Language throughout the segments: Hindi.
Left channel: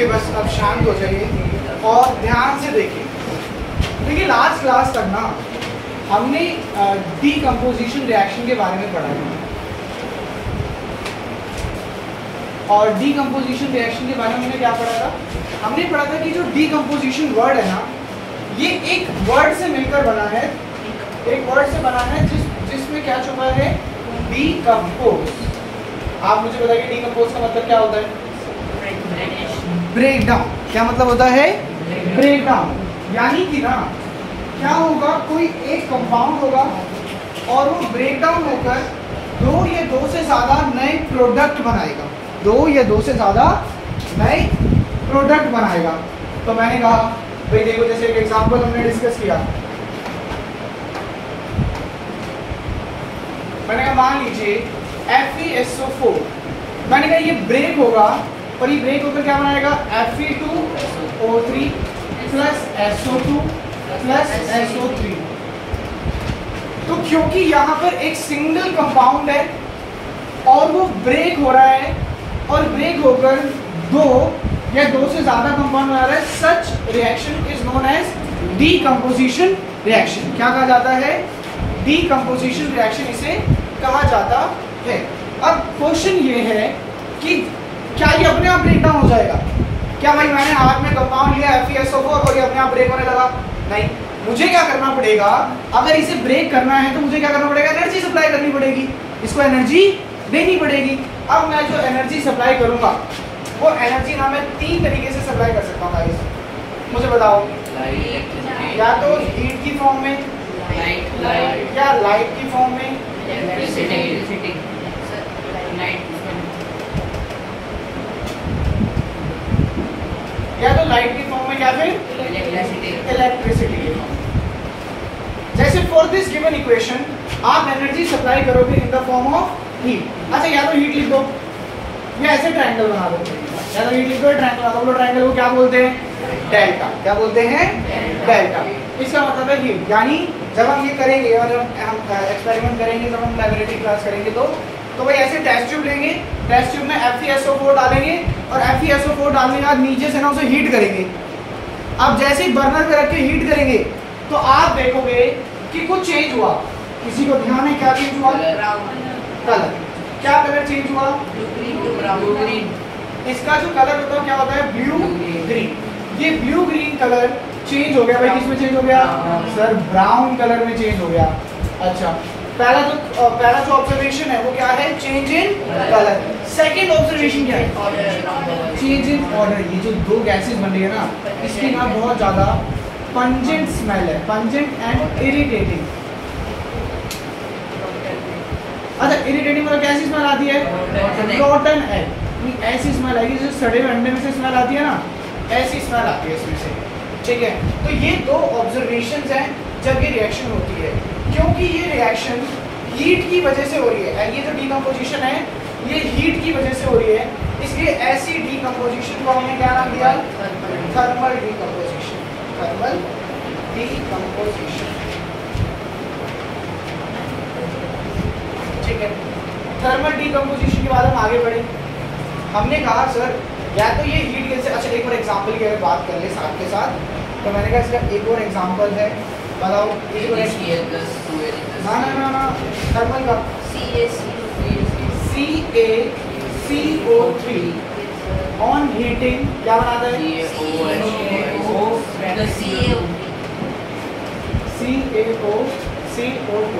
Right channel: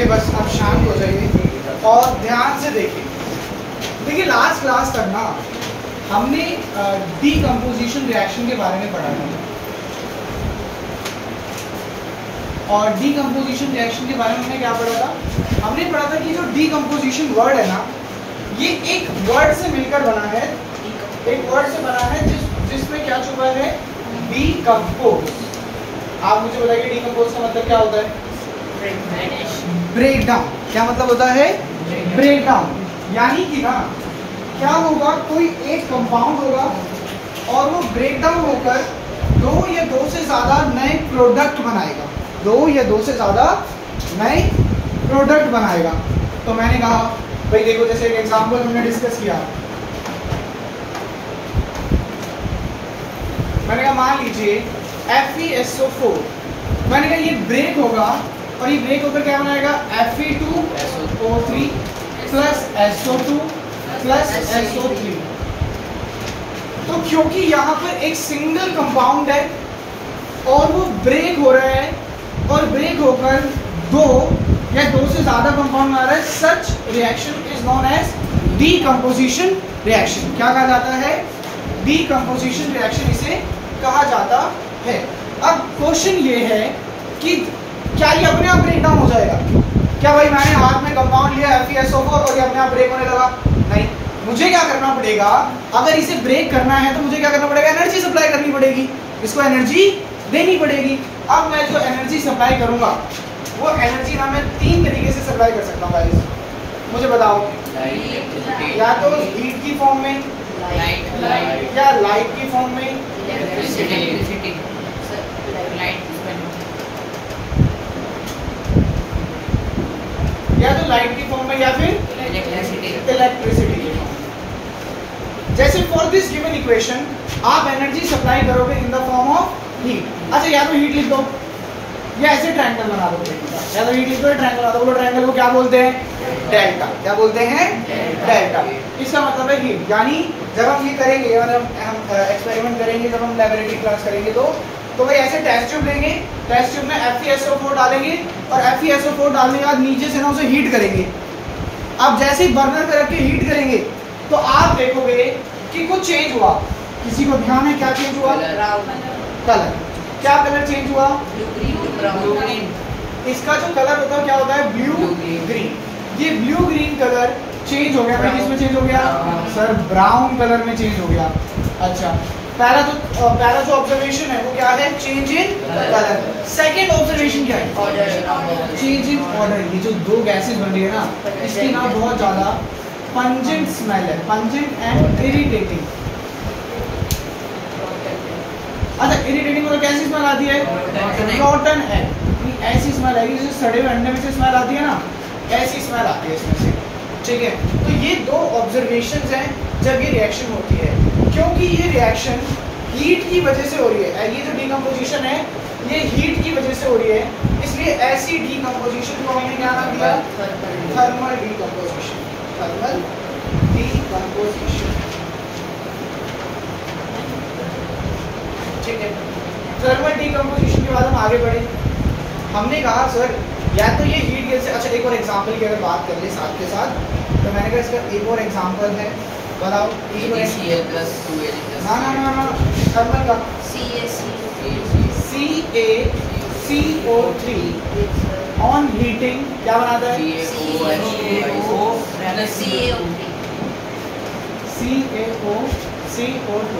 पहले बस आप शांत हो जाइए और ध्यान से देखिए। देखिए लास्ट क्लास तक ना हमने डीकम्पोजिशन रिएक्शन के बारे में पढ़ा था, और डीकम्पोजिशन रिएक्शन के बारे में हमने क्या पढ़ा था? हमने पढ़ा था कि जो डीकम्पोजिशन वर्ड है ना, ये एक वर्ड से मिलकर बना है, एक वर्ड से बना है जिसमें क्या छुपा है? डीकम्पोज। आप मुझे बताइए डीकम्पोज का मतलब क्या होता है? Break down. क्या मतलब होता है? Break down. यानी कि ना क्या होगा, कोई एक कंपाउंड होगा और वो ब्रेक डाउन होकर दो या दो से ज़्यादा नए प्रोडक्ट बनाएगा, दो या दो से ज़्यादा नए प्रोडक्ट बनाएगा। तो मैंने कहा भाई देखो, जैसे एक एग्जांपल हमने डिस्कस किया, मैंने कहा मान लीजिए FeSO4, मैंने कहा ये ब्रेक होगा और ये ब्रेक होकर क्या बनाएगा? Fe2O3 plus SO2 plus SO3। तो क्योंकि यहाँ पर एक सिंगल कंपाउंड है और वो ब्रेक हो रहा है और ब्रेक होकर दो या दो से ज्यादा कंपाउंड बना रहा है, such reaction is known as decomposition reaction. क्या कहा जाता है? डीकम्पोजिशन रिएक्शन इसे कहा जाता है। अब क्वेश्चन ये है कि क्या ये अपने आप ब्रेक डाउन हो जाएगा? क्या भाई मैंने हाथ में कंपाउंड लिया FeSO4 और ये अपने आप ब्रेक होने लगा? नहीं, मुझे क्या करना पड़ेगा? अगर इसे ब्रेक करना है तो मुझे क्या करना पड़ेगा? एनर्जी सप्लाई करनी पड़ेगी, इसको एनर्जी देनी पड़ेगी। अब मैं जो एनर्जी सप्लाई करूंगा वो एनर्जी ना मैं तीन तरीके से सप्लाई कर सकता हूँ गाइस, मुझे बताओ। या तो हीट की फॉर्म में, या लाइट की फॉर्म में, या तो लाइट की फॉर्म में, या फिर इलेक्ट्रिसिटी की फॉर्म। जैसे फॉर दिस गिवन इक्वेशन आप एनर्जी सप्लाई करोगे in the form of heat. अच्छा, या तो हीट लिख दो या ऐसे ट्रायंगल बना दो, या तो हीट लिख दो, ट्रायंगल बना दो। बोलो ट्रायंगल को क्या बोलते हैं? डेल्टा। क्या बोलते हैं? डेल्टा। इसका मतलब है हीट। यानी जब हम ये करेंगे और हम एक्सपेरिमेंट करेंगे, जब हम लैबोरेटरी क्लास करेंगे तो भाई ऐसे टेस्ट ट्यूब लेंगे, टेस्ट ट्यूब में FeSO4 डालेंगे और FeSO4 डालने के बाद नीचे से ना उसे हीट करेंगे। अब जैसे ही बर्नर पे रख के हीट करेंगे तो आप देखोगे कि कुछ चेंज हुआ। किसी को ध्यान है क्या चेंज हुआ? कलर। क्या कलर चेंज हुआ? Blue green. इसका जो कलर होता है क्या होता है? Blue green. ये ब्लू ग्रीन कलर चेंज हो गया भाई, किसमें चेंज हो गया? सर ब्राउन कलर में चेंज हो गया। अच्छा, पहला जो ऑब्जर्वेशन है वो क्या है? Change in colour. Second observation क्या है? Change in order. ये जो दो गैसेस बन रही है ना, इसकी ना बहुत ज्यादा पंजेंट स्मेल है, पंजेंट एंड इरिटेटिंग। अच्छा, इरिटेटिंग मतलब कैसी स्मेल आती है? रॉटन एग। ऐसी स्मेल आएगी जैसे सड़े हुए अंडे में से स्मेल आती है ना, ऐसी स्मेल आती है इसमें से। ठीक है, तो ये दो ऑब्जर्वेशंस हैं जब ये रिएक्शन होती है, क्योंकि ये रिएक्शन हीट की वजह से हो रही है। ये जो डीकम्पोजिशन है ये हीट की वजह से हो रही है, इसलिए ऐसी डीकम्पोजिशन को हमने क्या नाम दिया? Thermal decomposition. Thermal decomposition. ठीक है, थर्मल डीकम्पोजिशन के बाद हम आगे बढ़े। हमने कहा सर या तो ये हीट गैस से। अच्छा, एक और एग्जांपल की अगर बात करें साथ के साथ, तो मैंने कहा इसका एक और एग्जांपल है, बताओ। ना थर्मल का CaCO3 ऑन हीटिंग क्या बनाता है? CaCO2।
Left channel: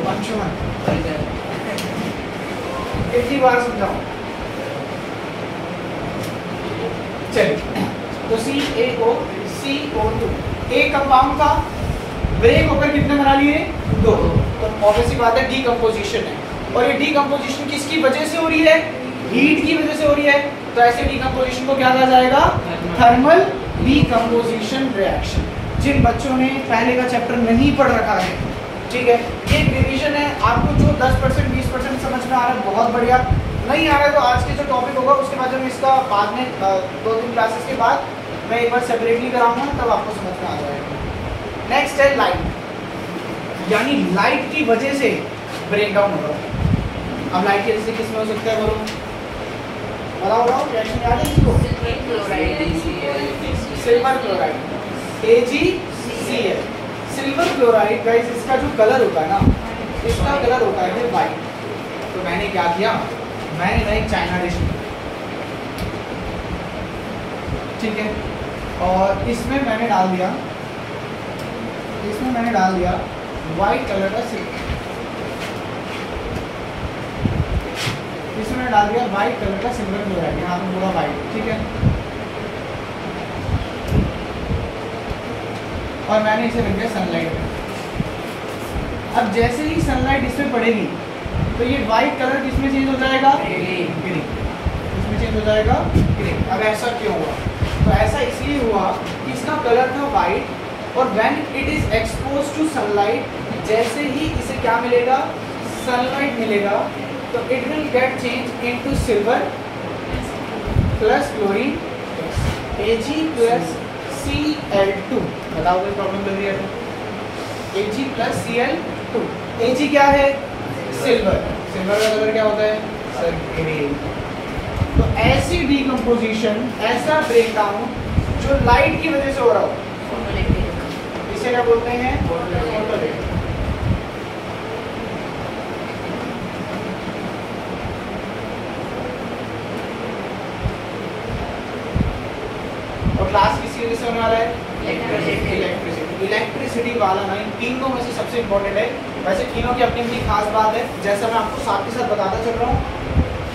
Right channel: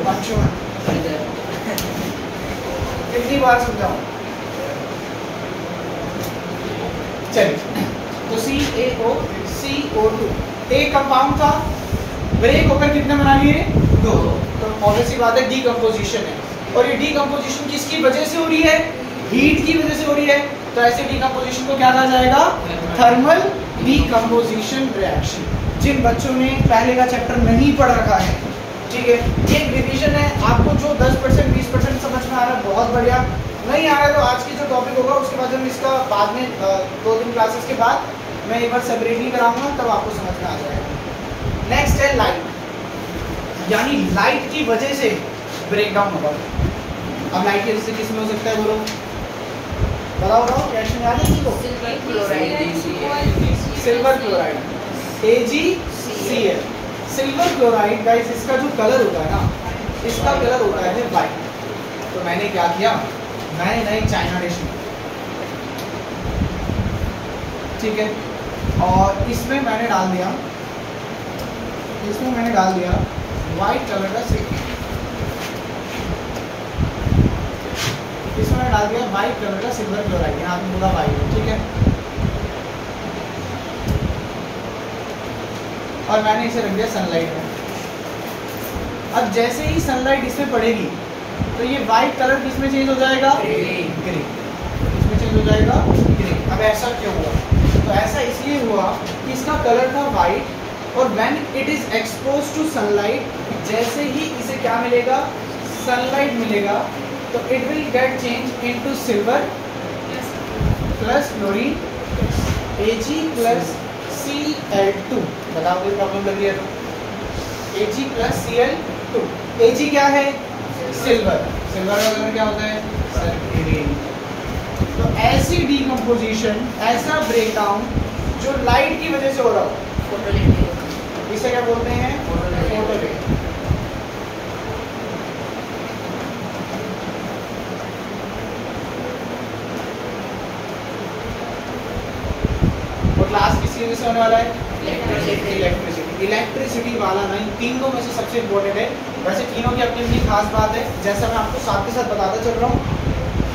अंशुमन कितनी बार समझाऊं? चलिए, तो CaCO2 एक कंपाउंड का ब्रेक होकर कितने बना लिए? दो। तो ऑब्वियसली बात है डीकम्पोजिशन है, और ये डीकम्पोजिशन किसकी वजह से हो रही है? हीट की वजह से हो रही है। तो ऐसे डीकम्पोजिशन को क्या कहा जाएगा? Thermal decomposition reaction. जिन बच्चों ने पहले का चैप्टर नहीं पढ़ रखा है, ठीक है, ये रिवीजन है। आपको जो 10% 20% समझ में आ रहा है बहुत बढ़िया, नहीं आ रहा है तो आज की जो टॉपिक होगा उसके बाद हम इसका बाद में 2-3 क्लासेस के बाद मैं एक बार सेपरेटली कराऊंगा, तब आपको समझ में आ जाएगा। नेक्स्ट है लाइट, यानी लाइट की वजह से ब्रेक डाउन होगा। अब लाइट की वजह से किस में हो सकता है? बोलो, बताओ रिएक्शन आ जाए किसी को? Silver chloride, AgCl। Silver chloride guys, इसका जो कलर होता है ना, इसका कलर होता है वाइट। तो मैंने क्या किया, मैंने एक चाइना डिश ली, ठीक है, और इसमें मैंने डाल दिया वाइट कलर का सिल्वर, इसमें मैंने डाल दिया वाइट कलर का सिल्वर क्लोराइड, यहाँ पे पूरा वाइट, ठीक है, और मैंने इसे रख दिया सनलाइट में। अब जैसे ही सनलाइट इसमें पड़ेगी तो ये वाइट कलर किसमें चेंज हो जाएगा, ग्रीन, इसमें चेंज हो जाएगा ग्रीन। अब ऐसा क्यों हुआ, तो ऐसा इसलिए हुआ कि इसका कलर था वाइट, और when it is expose to sunlight, जैसे ही इसे क्या मिलेगा, सनलाइट मिलेगा, तो it will get change into silver plus chlorine, Ag+Cl2। बताओ कोई प्रॉब्लम लग रही है तो Ag+Cl2। Ag क्या है, सिल्वर, सिल्वर का कलर क्या होता है, ग्रीन। तो ऐसी डीकम्पोजिशन, ऐसा ब्रेकडाउन जो लाइट की वजह से हो रहा हो, इसे क्या बोलते हैं, फोटोलिटिक। और लास्ट किसकी वजह से होने वाला है, इलेक्ट्रिसिटी। इलेक्ट्रिसिटी वाला ना इन तीनों में से सबसे इम्पोर्टेंट है। वैसे तीनों की अपनी अपनी खास बात है, जैसा मैं आपको साथ के साथ बताता चल रहा हूँ।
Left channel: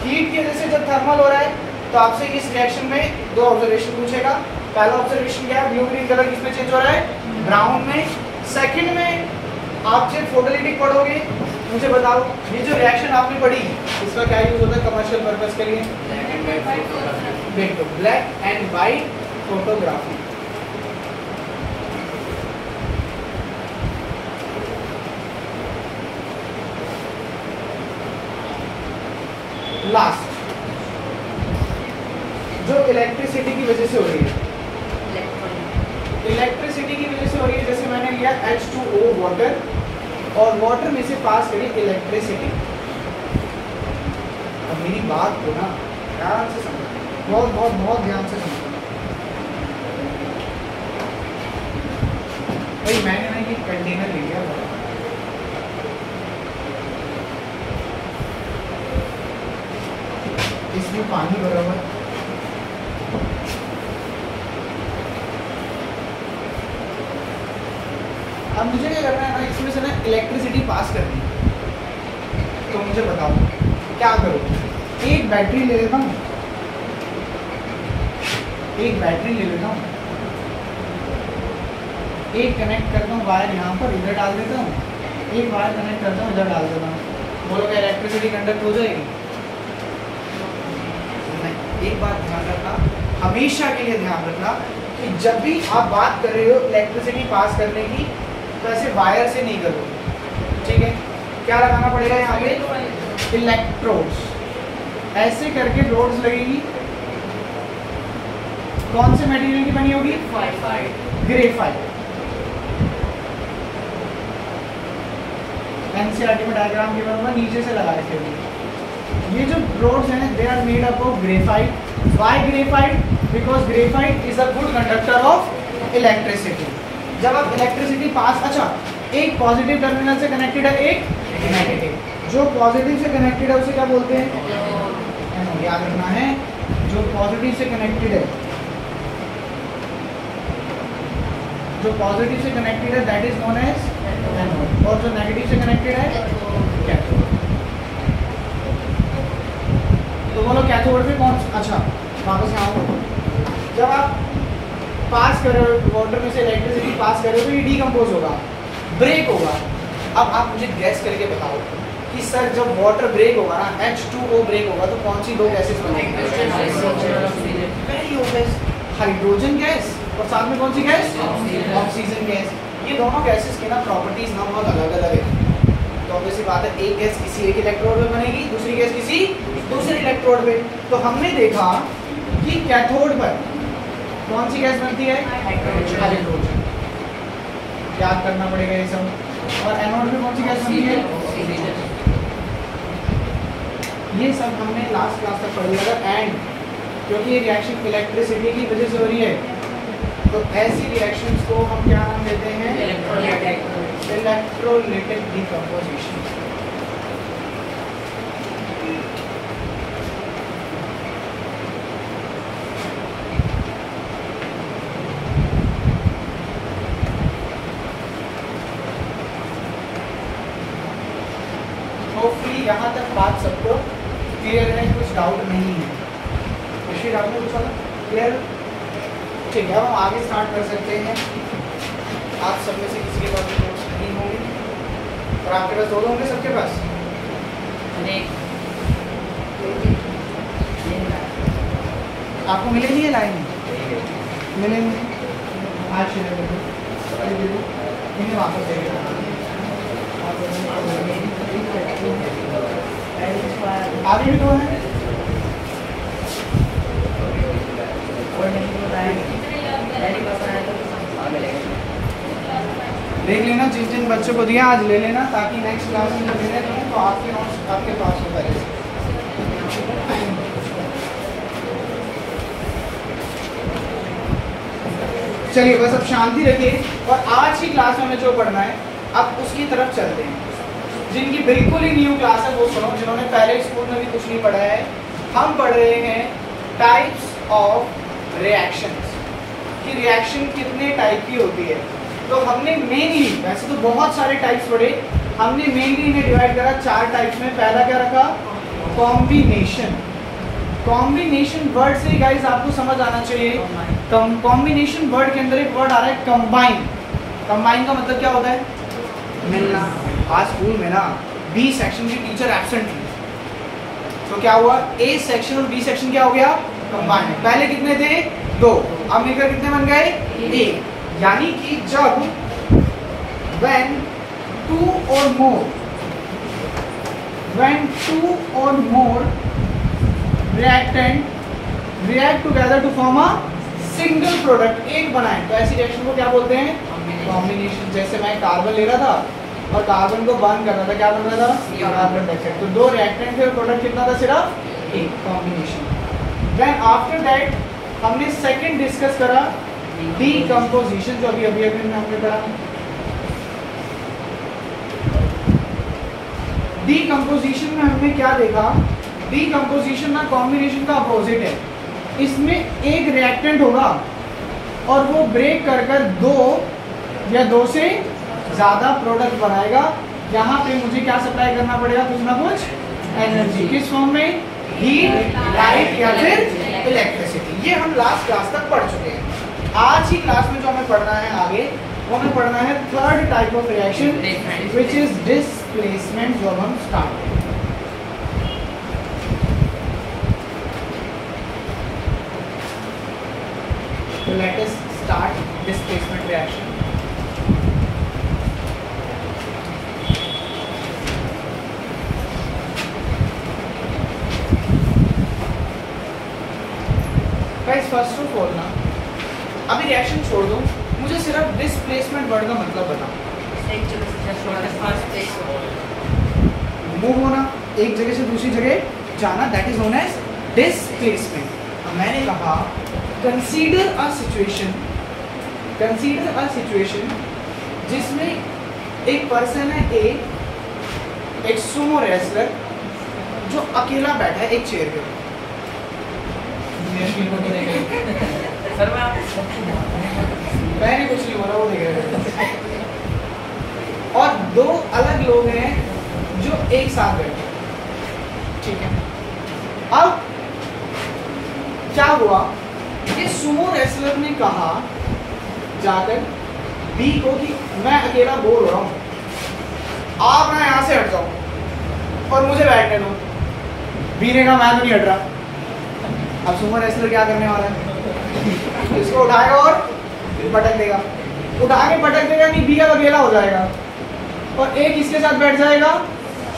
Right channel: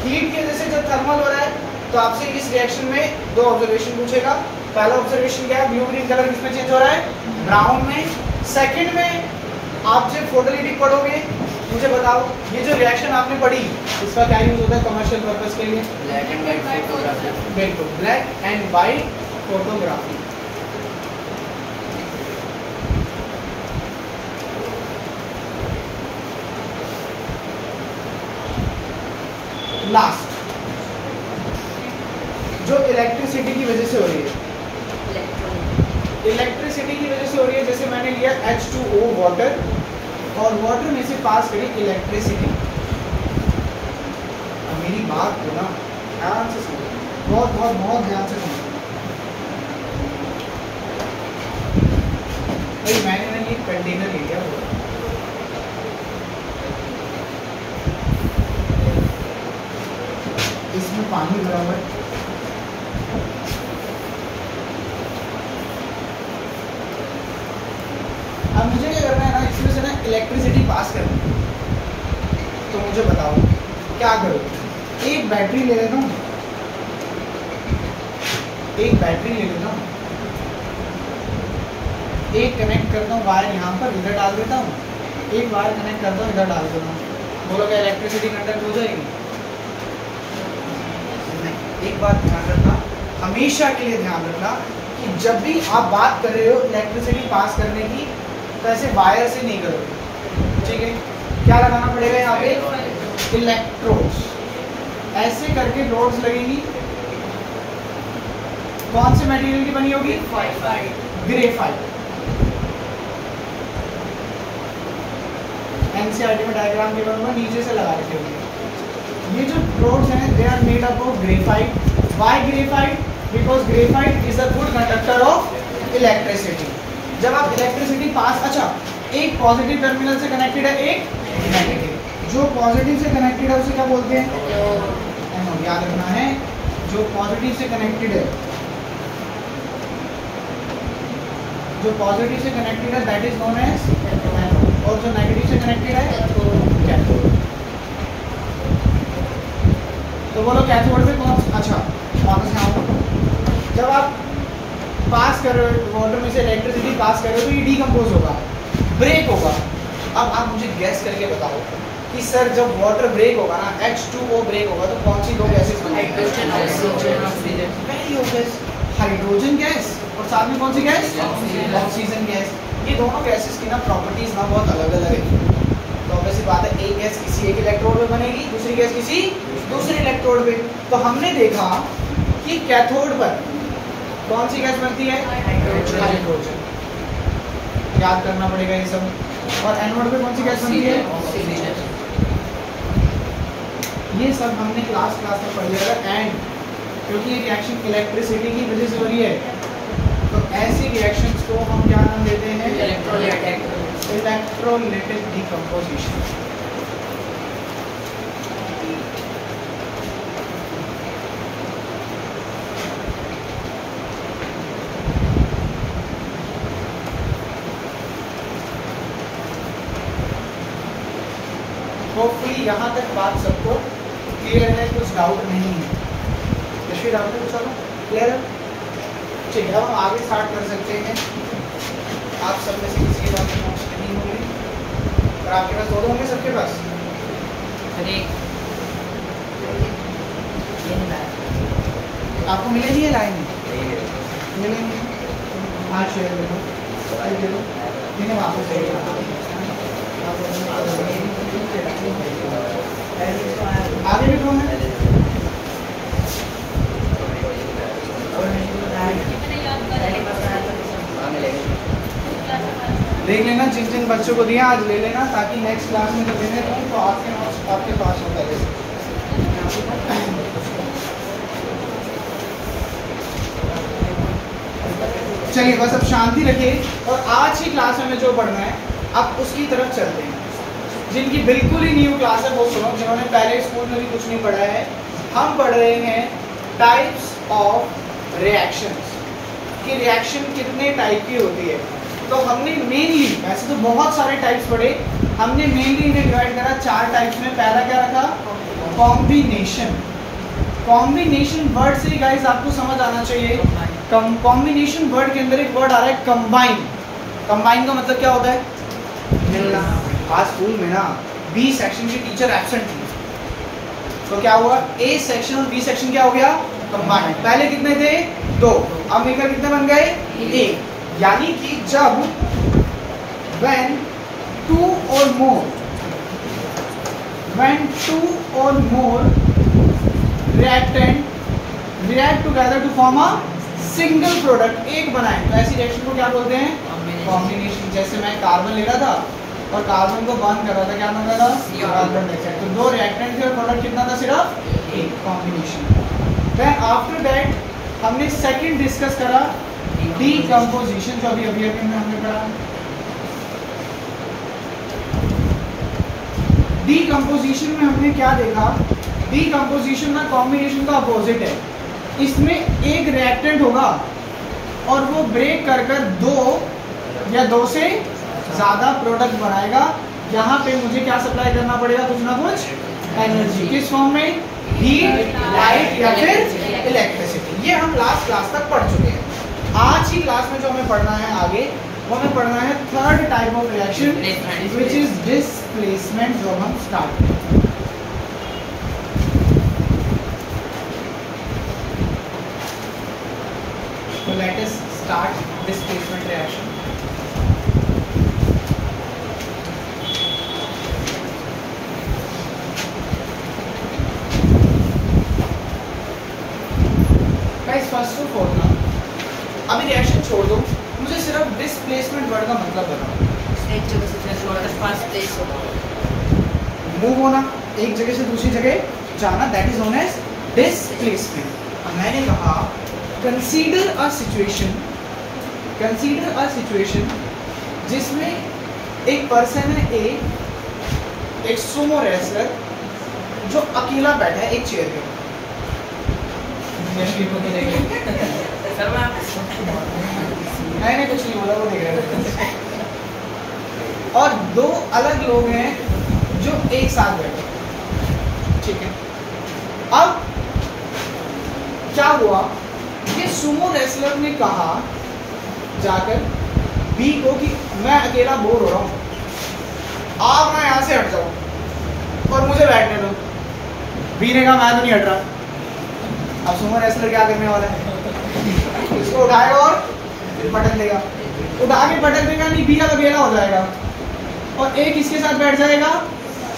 हीट की वजह से जब थर्मल हो रहा है तो आपसे इस रिएक्शन में दो ऑब्जर्वेशन पूछेगा। पहला ऑब्जर्वेशन क्या है, ब्लू ग्रीन कलर किसमें चेंज हो रहा है, ब्राउन में। सेकंड में आप जब फोटोलिटिक पढ़ोगे, मुझे बताओ ये जो रिएक्शन आपने पढ़ी इसका क्या यूज होता है कमर्शियल पर्पस के लिए, बिल्कुल, black and white photography. Last जो इलेक्ट्रिसिटी की वजह से हो रही है, इलेक्ट्रिसिटी की वजह से हो रही है, जैसे मैंने लिया H2O वाटर, और वाटर में से पास करी इलेक्ट्रिसिटी। और मेरी बात को ना ध्यान से समझो, बहुत बहुत बहुत ध्यान से समझो भाई। मैंने ना ये कंटेनर ले लिया, इसमें पानी भरा हुआ है, अब मुझे क्या करना है ना, इसमें से ना इलेक्ट्रिसिटी पास करनी है। तो मुझे बताओ क्या करूँ, एक बैटरी ले लेता हूँ, एक बैटरी ले लेता हूँ, एक कनेक्ट करता हूँ वायर यहाँ पर, इधर डाल देता हूँ, एक वायर कनेक्ट करता हूँ, इधर डाल देता हूँ। बोलो क्या इलेक्ट्रिसिटी कंडक्ट हो जाएगी? एक बात ध्यान रखना, हमेशा के लिए ध्यान रखना कि जब भी आप बात कर रहे हो इलेक्ट्रिसिटी पास करने की, तो ऐसे वायर से नहीं करोगे, ठीक है। क्या लगाना पड़ेगा यहाँ पे, इलेक्ट्रोड्स, ऐसे करके रोड्स लगेगी। कौन से मटेरियल की बनी होगी, ग्रेफाइट। एनसीईआरटी में डायग्राम के बराबर नीचे से लगा रखे होंगे। ये जो रोड्स हैं they are made up of graphite. Why graphite? Because graphite is a good conductor of electricity. जब आप इलेक्ट्रिसिटी पास, अच्छा एक पॉजिटिव टर्मिनल से कनेक्टेड है, एक नेगेटिव। जो पॉजिटिव से कनेक्टेड है उसे क्या बोलते हैं, याद रखना है, जो पॉजिटिव से कनेक्टेड है, जो पॉजिटिव से कनेक्टेड है that is known as anode, और जो नेगेटिव से कनेक्टेड है कैथोड। तो बोलो कैथोड पे कौन, अच्छा वापस यहाँ पर, जब आप पास कर रहे हो वाटर में से इलेक्ट्रिसिटी पास कर रहे हो तो ये डीकम्पोज होगा, ब्रेक होगा। अब आप मुझे गैस करके बताओ कि सर जब वाटर ब्रेक होगा ना, H2O ब्रेक होगा, तो कौन सी दो गैसेस बनेंगी? हाइड्रोजन गैस, और साथ में कौन सी गैस, ऑक्सीजन गैस। ये दोनों गैसेस की ना प्रॉपर्टीज ना बहुत अलग अलग है। तो वैसी बात है, एक गैस किसी एक इलेक्ट्रोड पे बनेगी, दूसरी गैस किसी दूसरे इलेक्ट्रोड पे। तो हमने देखा कि कैथोड पर कौन सी गैस बनती है, हाइड्रोजन, याद करना पड़ेगा ये सब। और एनोड पे कौन सी गैस बनती है, ऑक्सीजन। ये सब हमने लास्ट क्लास तक पढ़ लिया था। एंड क्योंकि ये रिएक्शन इलेक्ट्रिसिटी की वजह से हो रही है, तो ऐसी रिएक्शंस को हम क्या नाम देते हैं? Electrolytic decomposition. होपफुली यहाँ तक बात सबको क्लियर है, कुछ डाउट नहीं है। डाउट कुछ होगा क्लियर है? ठीक है, हम आगे स्टार्ट कर सकते हैं। आप सब में से किसी के पास नोट्स नहीं होंगे और आपके पास दो होंगे सबके पास। आपको मिलेगी ये लाइन? मिलेंगे आज शेयर करो, इन्हें वापस देगा। आगे भी कौन है? देख लेना, जिन जिन बच्चों को दिया आज ले लेना, ताकि नेक्स्ट क्लास में जब देने रहें तो आपके पास हो पहले से। चलिए बस अब शांति रखिए और आज की क्लास में हमें जो पढ़ना है अब उसकी तरफ चलते हैं। जिनकी बिल्कुल ही न्यू क्लास है वो सुनो, जिन्होंने पहले स्कूल में भी कुछ नहीं पढ़ा है। हम पढ़ रहे हैं टाइप्स ऑफ रिएक्शंस, कि रिएक्शन कितने टाइप की होती है। तो हमने मेनली, वैसे तो बहुत सारे टाइप्स पढ़े, हमने मेनली इन्हें डिवाइड करा 4 टाइप्स में। पहला क्या रखा? कॉम्बिनेशन। कॉम्बिनेशन वर्ड से गाइस आपको समझ आना चाहिए, कॉम्बिनेशन वर्ड के अंदर एक वर्ड आ रहा है कंबाइन। कंबाइन का मतलब क्या होता है? मिलना। आज स्कूल में ना बी सेक्शन की टीचर एब्सेंट थी, तो क्या हुआ? ए सेक्शन और बी सेक्शन क्या हो गया? कंबाइन। पहले कितने थे? 2, अब मिलकर कितने बन गए? 1। यानी कि जब when two or more reactant react together to form a single product, एक बनाए, तो ऐसी रिएक्शन को क्या बोलते हैं? कॉम्बिनेशन। जैसे मैं कार्बन ले रहा था और कार्बन को बर्न कर रहा था, क्या बन रहा था? Carbon dioxide. तो 2 रिएक्टेंट थे और प्रोडक्ट कितना था? सिर्फ 1, कॉम्बिनेशन। देन आफ्टर दैट हमने सेकंड डिस्कस करा डीकम्पोजिशन, जो अभी हमने पढ़ा। डीकम्पोजिशन में हमने क्या देखा? डीकम्पोजिशन ना कॉम्बिनेशन का अपोजिट है। इसमें एक रिएक्टेंट होगा और वो ब्रेक कर 2 या 2 से ज़्यादा प्रोडक्ट बनाएगा। यहाँ पे मुझे क्या सप्लाई करना पड़ेगा? कुछ ना कुछ एनर्जी। किस फॉर्म में? हीट, लाइट या फिर इलेक्ट्रिसिटी। ये हम लास्ट क्लास तक पढ़ चुके हैं। आज की क्लास में जो हमें पढ़ना है आगे, वो हमें पढ़ना है third type of reaction, which is displacement. जो हम स्टार्ट करें, तो let us start displacement reaction. Guys first of all ना, अभी रिएक्शन छोड़ दो, मुझे सिर्फ डिस्प्लेसमेंट वर्ड का मतलब बताओ। एक जगह से मूव होना, एक जगह से दूसरी जगह जाना, that is known as displacement. अब मैंने कहा कंसीडर अ सिचुएशन जिसमें एक पर्सन है ए, एक सुमो रेसलर जो अकेला बैठा है एक चेयर पे। मैंने कुछ नहीं बोला, वो देख रहे। और 2 अलग लोग हैं जो एक साथ बैठे, ठीक है। अब क्या हुआ? ये सुमो रेसलर ने कहा जाकर बी को कि मैं अकेला बोर हो रहा हूँ, आप ना यहाँ से हट जाओ और मुझे बैठने दो। बी ने कहा मैं तो नहीं हट रहा। अब सुमो रेसलर क्या करने वाला है? इसको उठाएगा और पटक देगा, उठा के पटक देगा, नहीं बी का तो अकेला हो जाएगा और एक इसके साथ बैठ जाएगा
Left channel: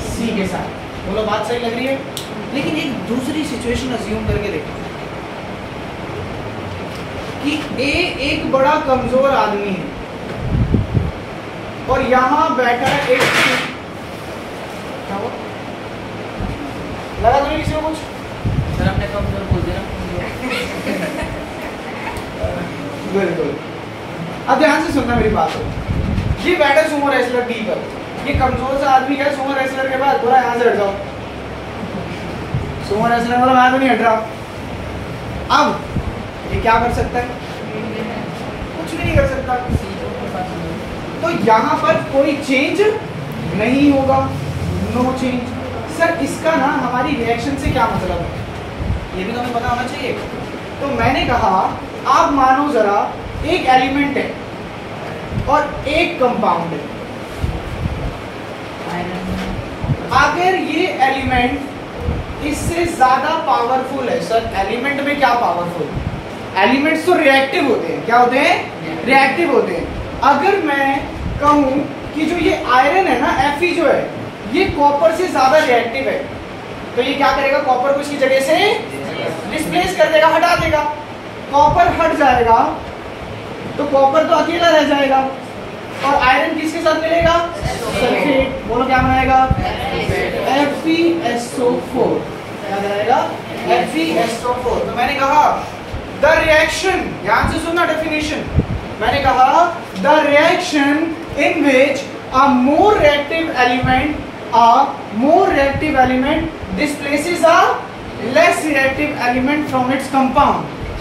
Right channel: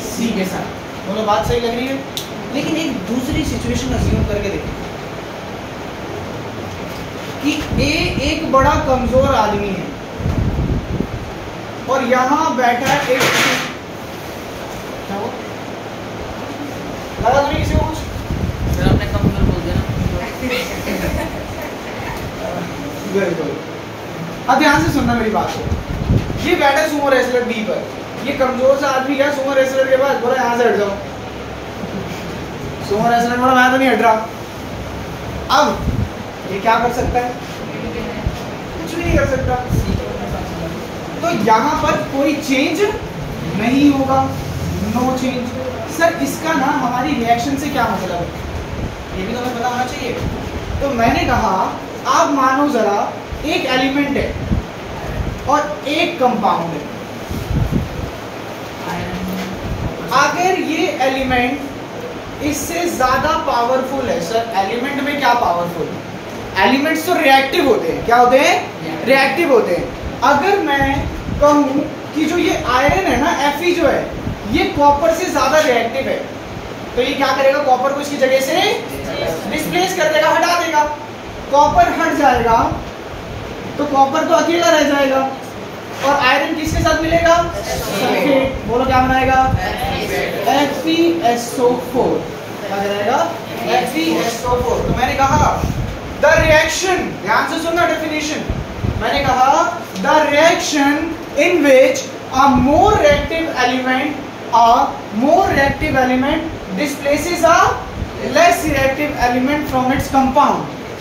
सी के साथ। बोलो बात सही लग रही है? लेकिन एक दूसरी सिचुएशन अज्यूम करके देखो कि ए एक बड़ा कमजोर आदमी है और यहाँ बैठा है एक, क्या वो लगा तो नहीं किसी को कुछ? बिल्कुल। अब ध्यान से सुनना मेरी बात है। ये बैठा सुमो रेसलर डी पर, ये कमजोर सा आदमी क्या सुमो रेसलर के पास बोला यहाँ से हट जाओ। सुमो रेसलर बोला मैं तो नहीं हट रहा। अब ये क्या कर सकता है? कुछ भी नहीं कर सकता। तो यहाँ पर कोई चेंज नहीं होगा, नो चेंज। सर इसका ना हमारी रिएक्शन से क्या मतलब है, ये भी हमें पता होना चाहिए। तो मैंने कहा आप मानो जरा एक एलिमेंट है और एक कंपाउंड है। अगर ये एलिमेंट इससे ज्यादा पावरफुल है, सर एलिमेंट में क्या पावरफुल? एलिमेंट्स तो रिएक्टिव होते हैं। क्या होते हैं? रिएक्टिव होते हैं। अगर मैं कहूं कि जो ये आयरन है ना, Fe जो है, ये कॉपर से ज्यादा रिएक्टिव है, तो ये क्या करेगा? कॉपर को इसकी जगह से डिस्प्लेस कर देगा, हटा देगा। कॉपर हट जाएगा तो कॉपर तो अकेला रह जाएगा और आयरन किसके साथ मिलेगा? सल्फेट। बोलो क्या बनाएगा? FeSO4। क्या बनाएगा? FeSO4। तो मैंने कहा द रिएक्शन, ध्यान से सुनना डेफिनेशन। मैंने कहा the reaction in which a more reactive element displaces a less reactive element from its compound,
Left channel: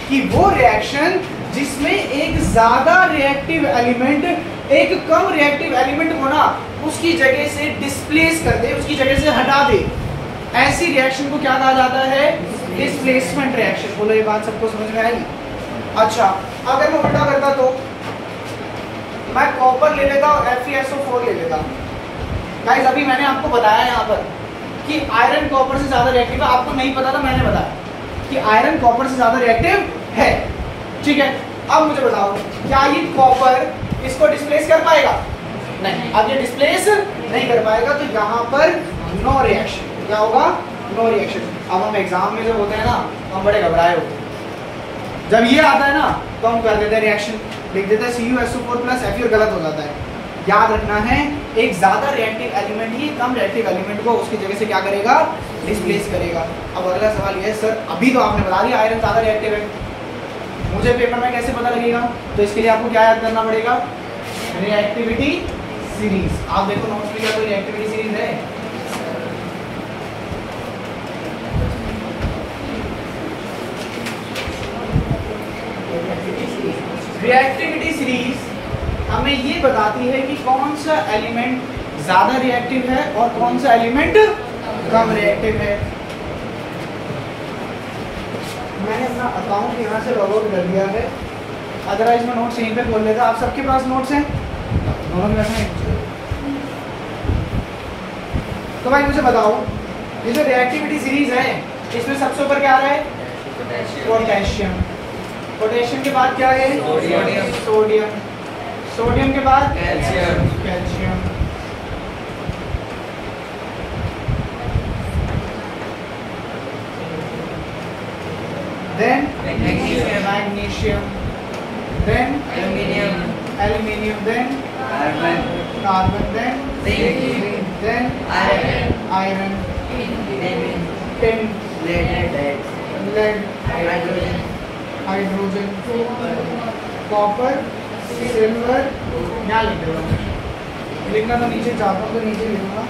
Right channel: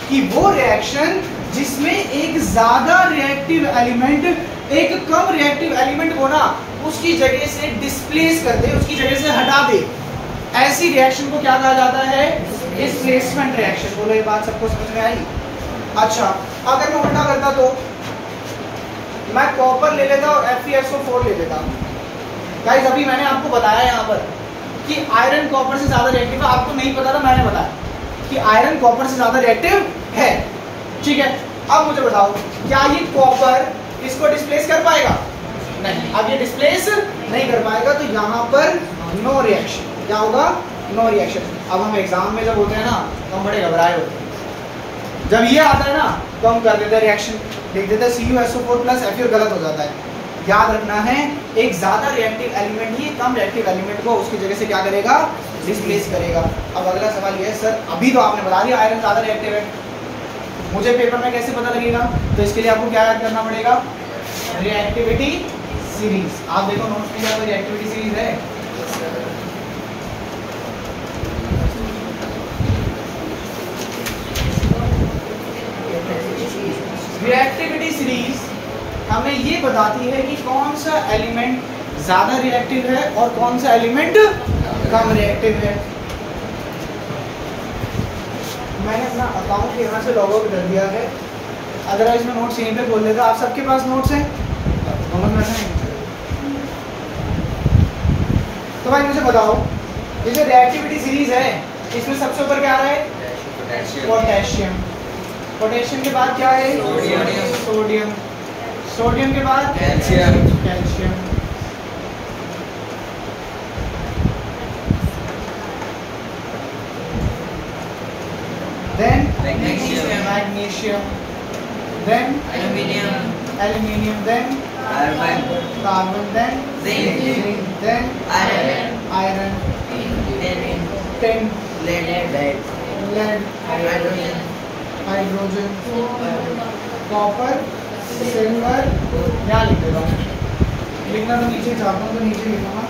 कि वो रिएक्शन जिसमें एक ज्यादा रिएक्टिव एलिमेंट एक कम रिएक्टिव एलिमेंट को ना उसकी जगह से डिस्प्लेस कर दे, उसकी जगह से हटा दे, ऐसी रिएक्शन को क्या कहा जाता है? Displacement reaction. बोलो ये बात सबको समझ में आई? अच्छा, अगर मैं उल्टा करता तो मैं कॉपर ले लेता और FeSO4 ले लेता। गाइस अभी मैंने आपको बताया यहाँ पर कि आयरन कॉपर से ज्यादा रिएक्टिव है। आपको नहीं पता था, मैंने बताया कि आयरन कॉपर से ज्यादा रिएक्टिव है। ठीक है, अब मुझे बताओ क्या ये कॉपर इसको डिस्प्लेस कर पाएगा? नहीं। अब ये डिस्प्लेस नहीं कर पाएगा तो यहाँ पर नो रिएक्शन। क्या होगा? No reaction. अब हम एग्जाम में जब होते हैं ना तो हम बड़े घबराए होते हैं। जब ये आता है ना तो हम कर देते हैं रिएक्शन, लिख देते हैं CuSO4 प्लस Fe और गलत हो जाता है। याद रखना है एक ज्यादा रिएक्टिव एलिमेंट ही कम रिएक्टिव एलिमेंट को उसकी जगह से क्या करेगा? डिस्प्लेस करेगा। अब अगला सवाल ये है, सर अभी तो आपने बता दिया आयरन ज्यादा रिएक्टिव है, मुझे पेपर में कैसे पता लगेगा? तो इसके लिए आपको क्या याद करना पड़ेगा? Reactivity series. आप देखो नोट्स में क्या कोई रिएक्टिविटी सीरीज है? रिएक्टिविटी सीरीज हमें ये बताती है कि कौन सा एलिमेंट ज्यादा रिएक्टिव है और कौन सा एलिमेंट कम रिएक्टिव है। मैंने अपना अकाउंट यहाँ से लॉग आउट कर दिया है, अदरवाइज मैं नोट्स यहीं पे खोल लेता। आप सबके पास नोट्स हैं? दोनों में हैं। तो भाई मुझे बताओ ये जो रिएक्टिविटी सीरीज है इसमें सबसे ऊपर क्या आ रहा है? पोटेशियम। पोटेशियम के बाद क्या है? सोडियम। सोडियम के बाद calcium. then magnesium, then aluminium, then carbon, then zinc, then iron, tin, lead, hydrogen, copper, silver। यहाँ लिखूंगा, लिखना तो नीचे चाहता हूँ तो नीचे लिखूंगा।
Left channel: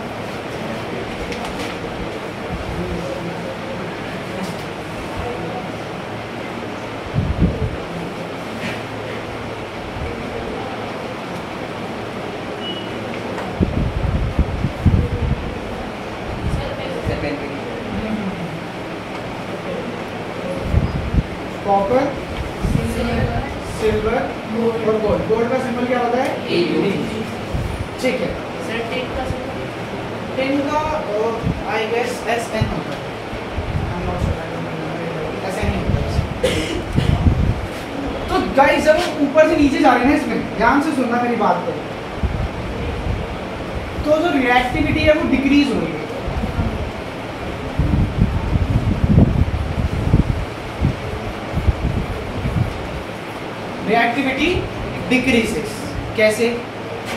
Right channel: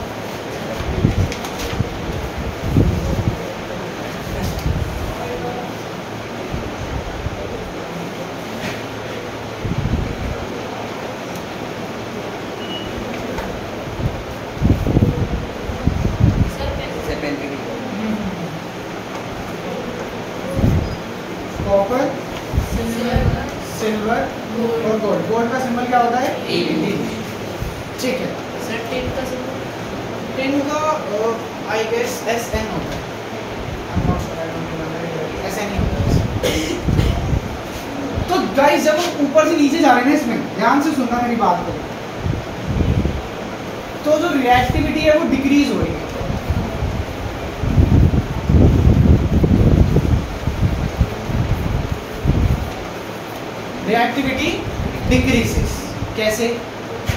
कॉपर, सिल्वर और गोल्ड। गोल्ड का सिंबल क्या होता है? ठीक है। टिन का आई गेस SN होता है। SN ही होता है। तो गाइस जब हम ऊपर से नीचे जा रहे हैं ना, इसमें ध्यान से सुनना मेरी बात को, तो जो रिएक्टिविटी है वो डिक्रीज हो रही है। Reactivity decreases. कैसे?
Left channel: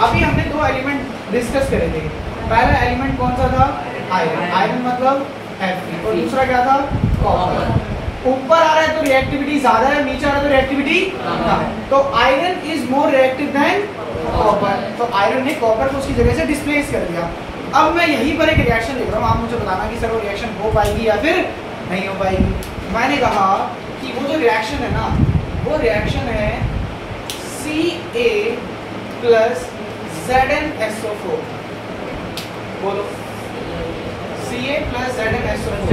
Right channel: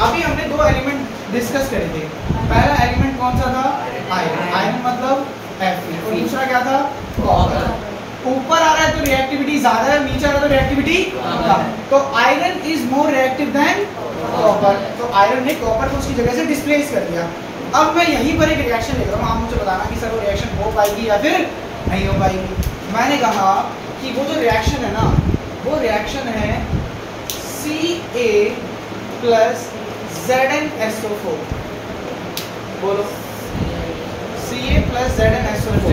अभी हमने दो एलिमेंट डिस्कस करे थे। पहला एलिमेंट कौन सा था? आयरन। आयरन मतलब Fe और दूसरा क्या था? कॉपर। ऊपर आ रहा है तो रिएक्टिविटी ज्यादा है, नीचे आ रहा है तो रिएक्टिविटी कम है। तो iron is more reactive than copper, तो आयरन ने कॉपर को उसकी जगह से डिस्प्लेस कर दिया। अब मैं यहीं पर एक रिएक्शन लिख रहा हूँ, आप मुझे बताना कि सर वो रिएक्शन हो पाएगी या फिर नहीं हो पाएगी। मैंने कहा कि वो जो रिएक्शन है ना, वो रिएक्शन है Ca प्लस ZnSO4। बोलो Ca plus ZnSO4,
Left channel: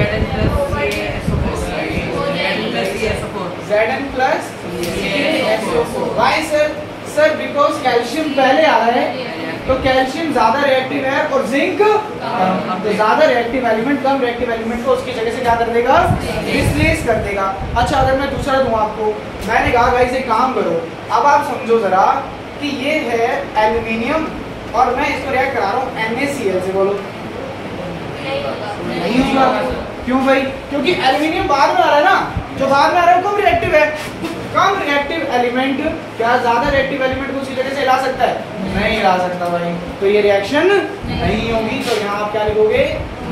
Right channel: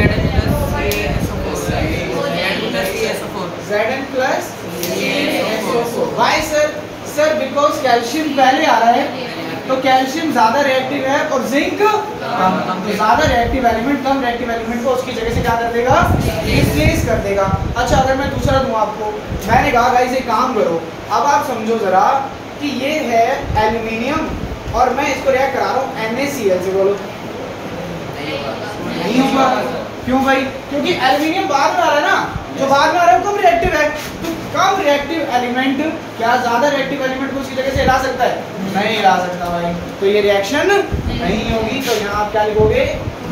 Zn plus CaSO4। Why sir? Sir because calcium पहले आ रहा है, तो कैल्शियम ज्यादा रिएक्टिव है और जिंक कम, तो ज्यादा रिएक्टिव एलिमेंट कम रिएक्टिव एलिमेंट को उसकी जगह से क्या कर देगा, डिस्प्लेस कर देगा। अच्छा अगर मैं दूसरा दूं आपको, मैंने कहा गाइस एक काम करो, अब आप समझो जरा कि ये है एल्यूमिनियम और मैं इसको रिएक्ट करा रहा हूँ NaCl से। बोलो नहीं होगा। क्यों भाई? क्योंकि एल्यूमिनियम बाद में आ रहा है ना, जो बाद में आ रहा है कम रिएक्टिव है। तो कम रिएक्टिव एलिमेंट क्या ज्यादा रिएक्टिव एलिमेंट को उसी जगह से हिला सकता है? नहीं हिला सकता भाई, तो ये रिएक्शन नहीं होगी। तो यहाँ आप क्या लिखोगे?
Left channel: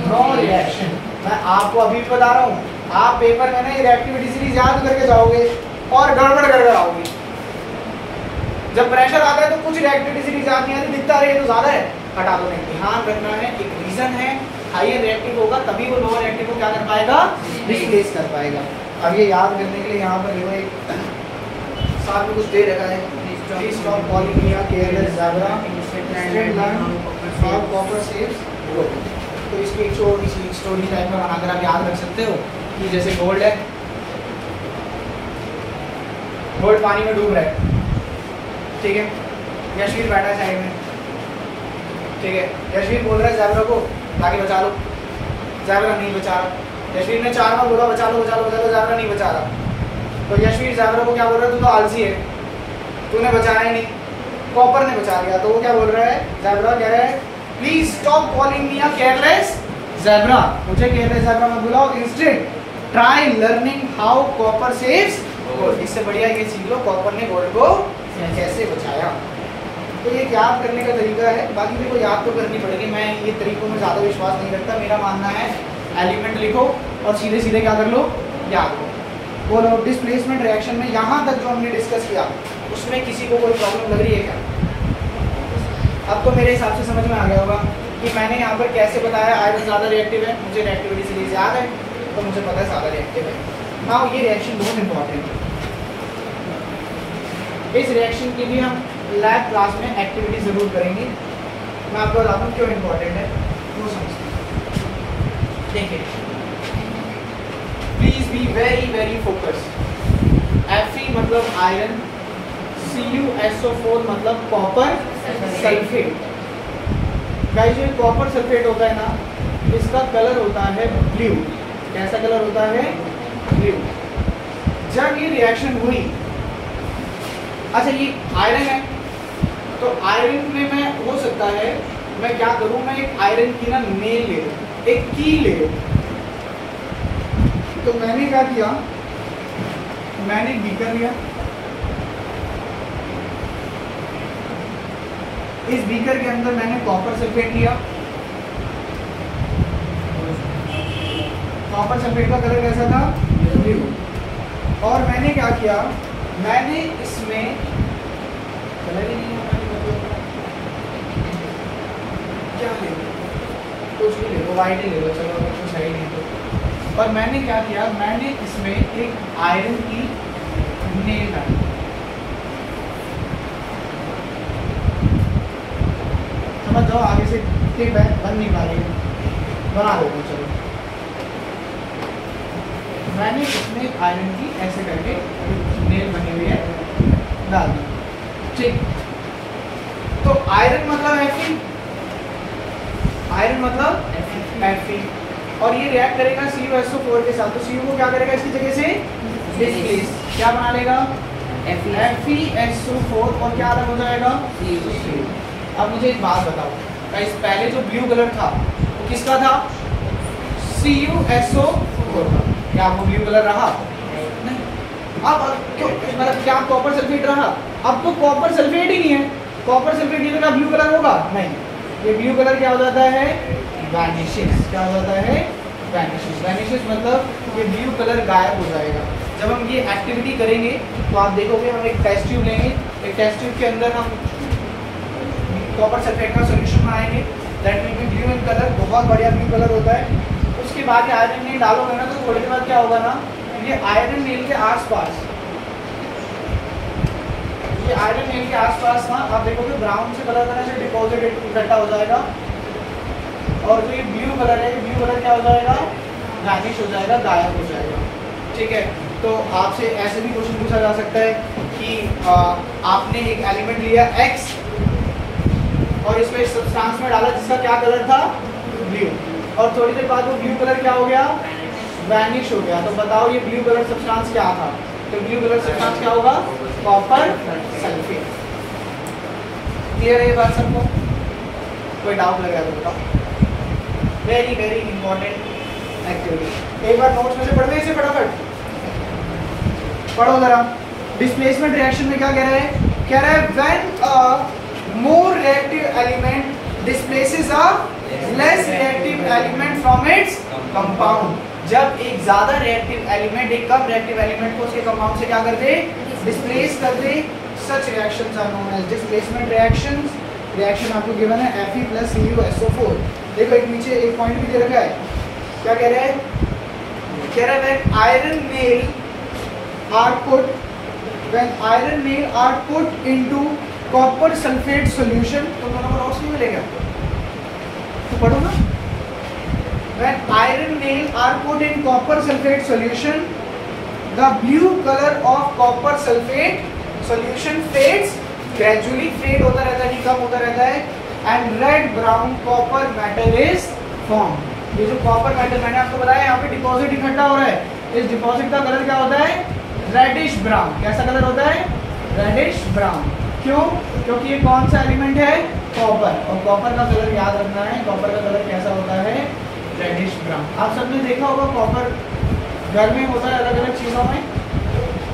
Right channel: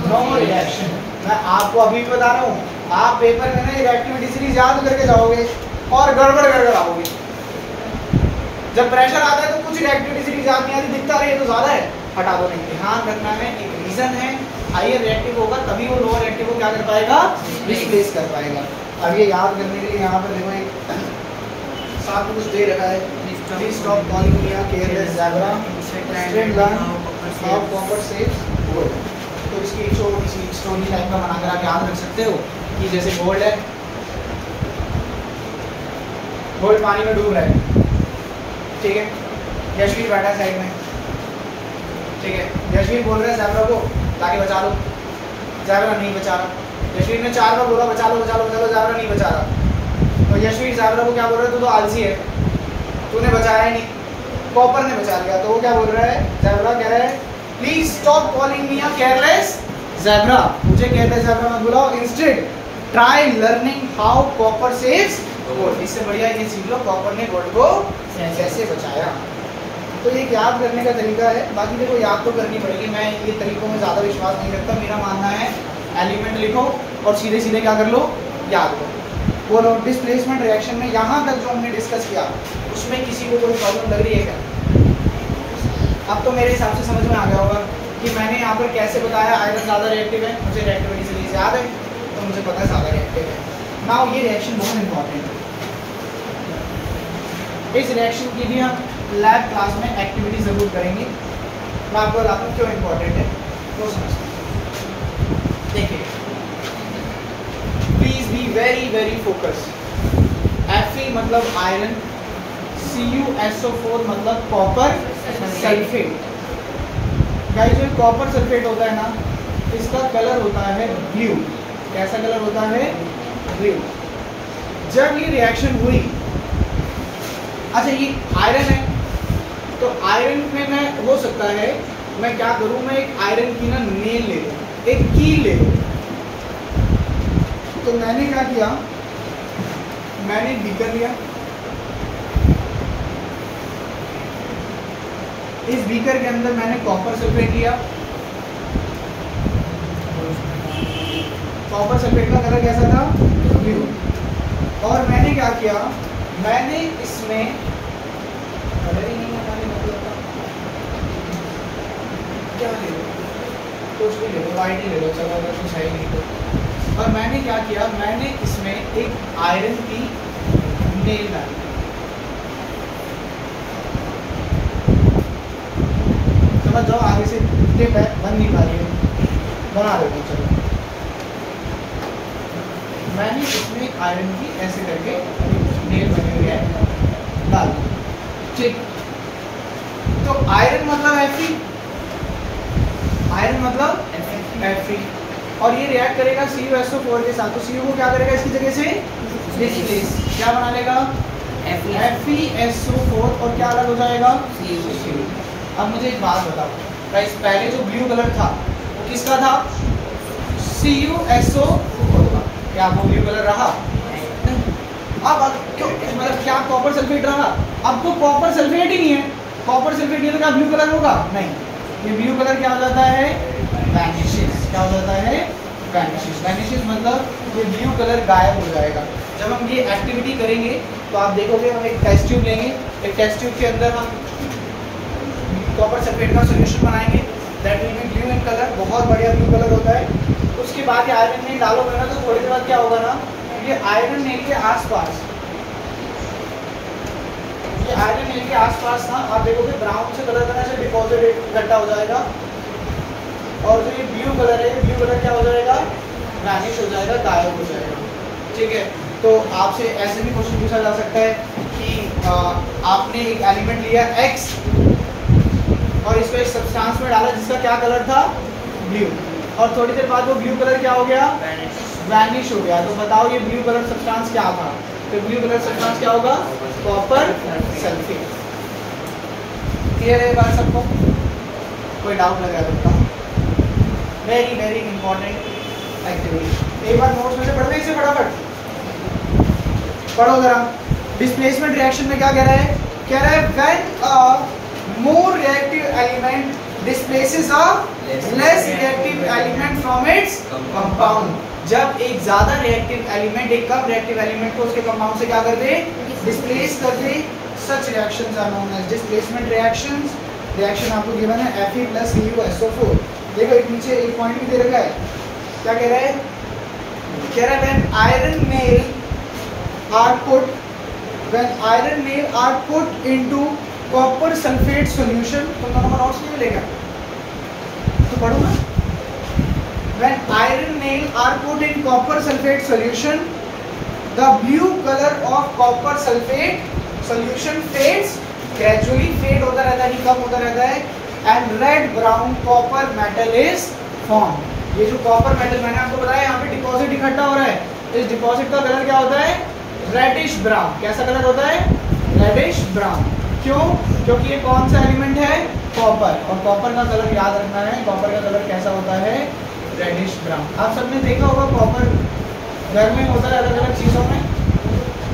No reaction. मैं आपको अभी भी बता रहा हूँ, आप पेपर में ना ये रिएक्टिविटी सीरीज याद करके जाओगे और गड़बड़ कर आओगे। जब प्रेशर आता है तो कुछ रिएक्टिविटी सीरीज याद नहीं आती, दिखता रहे तो ज्यादा है, हटा दो। नहीं, ध्यान रखना है एक रीजन है, हायर रिएक्टिव होगा तभी वो लोअर रिएक्टिव को क्या कर पाएगा, डिस्प्लेस कर पाएगा। अब ये याद करने के लिए यहाँ पर देखो एक साथ में कुछ दे रखा है, please stop calling me a careless zebra, straight line how copper saves gold. तो इसकी एक छोटी सी स्टोरी टाइप का बनाकर आप याद रख सकते हो कि जैसे गोल्ड है, गोल्ड पानी में डूब रहा है, ठीक है, यशवीर बैठा है साइड में, ठीक है, यशवीर बोल रहा है ज़ेब्रा को ताकि बचा लो, ज़ेब्रा नहीं बचा रहा। यशवीर ने 4 बार बोला बचा लो बचा लो बचा लो, ज़ेब्रा नहीं बचा रहा। तो यशवीर ज़ेब्रा को क्या बोल रहा है, तू तो आलसी है, तूने बचाया ही नहीं, कॉपर ने बचा लिया। तो वो क्या बोल रहा है, ज़ेब्रा कह रहा है please stop calling me a careless zebra, मुझे केयरलेस ज़ेब्रा मत बुलाओ, instead try learning how copper saves gold. इससे बढ़िया ये सीख लो कॉपर ने गोल्ड को कैसे बचाया। तो ये याद करने का तरीका है, बाकी देखो याद तो करनी पड़ेगी। मैं ये तरीकों में ज़्यादा विश्वास नहीं रखता, मेरा मानना है एलिमेंट लिखो और सीधे सीधे क्या कर लो, याद करो। बोलो डिस्प्लेसमेंट रिएक्शन में यहाँ तक जो हमने डिस्कस किया उसमें किसी को कोई प्रॉब्लम लग रही है क्या? अब तो मेरे हिसाब से समझ में आ गया होगा कि मैंने यहाँ पर कैसे बताया आयरन ज़्यादा रिएक्टिव है, मुझे रिएक्टिविटी सीरीज याद है तो मुझे पता है ज़्यादा रिएक्टिव है। नाउ ये रिएक्शन बहुत इंपॉर्टेंट है, इस रिएक्शन की भी हम लैब क्लास में एक्टिविटी ज़रूर करेंगे। मैं आपको बताता हूँ क्यों इम्पोर्टेंट है, वो समझते हैं। देखिए please be very very focus. Fe मतलब आयरन, CuSO4 मतलब कॉपर सल्फेट। गाइस जो कॉपर सल्फेट होता है ना, इसका कलर होता है ब्लू। कैसा कलर होता है? ब्लू। जब ये रिएक्शन हुई, अच्छा ये आयरन है तो आयरन में मैं हो सकता है मैं क्या करूं, मैं एक आयरन की ना नेल ले लूं, एक कील ले लूं। तो मैंने क्या किया, मैंने बीकर लिया, इस बीकर के अंदर मैंने कॉपर सल्फेट लिया। कॉपर सल्फेट का कलर कैसा था? ब्लू। और मैंने क्या किया, मैंने इसमें कलर ही नहीं क्या ले लो, कुछ भी ले लो, वाइट ही ले लो, चलो अगर कुछ है ही नहीं तो। और मैंने क्या किया, मैंने इसमें एक आयरन की नेल डाली। समझ जाओ, आगे से टिप है, बन नहीं पा रही है, बना देता हूँ। चलो मैंने इसमें आयरन की ऐसे करके नेल बनी हुई है डाल दी, ठीक। तो आयरन मतलब Fe, आयरन मतलब Fe, और ये रिएक्ट करेगा CuSO4 के साथ। तो Cu को क्या करेगा, इसकी जगह से डिस्प्लेस, क्या बना लेगा, FeSO4, और क्या अलग हो जाएगा, Cu। अब मुझे एक बात बताओ गाइस, पहले जो ब्लू कलर था वो किसका था, CuSO4 था। क्या वो ब्लू कलर रहा? नहीं। अब मतलब क्या कॉपर सल्फेट रहा? अब तो कॉपर सल्फेट ही नहीं है, कॉपर सल्फेट नहीं तो क्या ब्लू कलर होगा? नहीं, ये ब्लू कलर क्या हो जाता है, वैनिशेस। क्या हो जाता है, वैनिशेस मतलब ये ब्लू कलर गायब हो जाएगा। जब हम ये एक्टिविटी करेंगे तो आप देखोगे हम एक टेस्ट ट्यूब लेंगे, एक टेस्ट ट्यूब के अंदर हम कॉपर सल्फेट का सॉल्यूशन बनाएंगे, that will be blue in colour, बहुत बढ़िया ब्लू कलर होता है। उसके बाद ये आयरन नेल डालोगे ना तो थोड़ी देर बाद क्या होगा ना, ये आयरन नेल के आसपास, ये आयरन नेल के आसपास ना आप देखोगे ब्राउन से कलर करने से डिपॉजिट इकट्ठा हो जाएगा, और जो ये ब्लू कलर है, ब्लू कलर क्या हो जाएगा, वैनिश हो जाएगा, गायब हो जाएगा। ठीक है, तो आपसे ऐसे भी क्वेश्चन पूछा जा सकता है कि आपने एक एलिमेंट लिया X और इसको एक सब्सटेंस में डाला जिसका क्या कलर था, ब्लू, और थोड़ी देर बाद वो ब्लू कलर क्या हो गया, वैनिश हो गया। तो बताओ ये ब्लू कलर सब्सटेंस क्या था? तो ब्लू कलर सब्सटेंस क्या होगा, कॉपर सल्फेट। क्लियर है ये बात सबको? कोई डाउट लगा सकता हूँ? Very very important activity. एक बार नोट्स में से पढ़ लो इसे फटाफट, पढ़ो जरा। डिस्प्लेसमेंट रिएक्शन में क्या कह रहा है? कह रहा है when a more reactive element displaces a less reactive element from its compound. जब एक ज्यादा रिएक्टिव एलिमेंट एक कम रिएक्टिव एलिमेंट को उसके कंपाउंड से क्या कर दे, डिस्प्लेस कर दे, such reactions are known as displacement reactions. Reaction आपको गिवन है Fe + CuSO4। देखो एक नीचे एक पॉइंट भी दे रखा है, क्या कह रहा है? कह रहा है when iron nail are put, when iron nail are put into copper sulphate solution. तो नंबर नोट्स नहीं मिलेगा तो पढ़ो ना। When iron nail are put in copper sulfate solution, the blue color of copper sulfate solution fades, gradually fade होता रहता है, कम होता रहता है, and red brown copper metal is formed. ये जो copper metal मैंने आपको बताया यहाँ पे डिपॉजिट इकट्ठा हो रहा है, इस डिपॉजिट का कलर क्या होता है, रेडिश ब्राउन। कैसा कलर होता है, रेडिश ब्राउन। क्यों? क्योंकि ये कौन सा एलिमेंट है, कॉपर, और कॉपर का कलर याद रखना है, कॉपर का कलर कैसा होता है, रेडिश ब्राउन। आप सबने देखा होगा कॉपर घर में होता है अलग अलग चीज़ों में,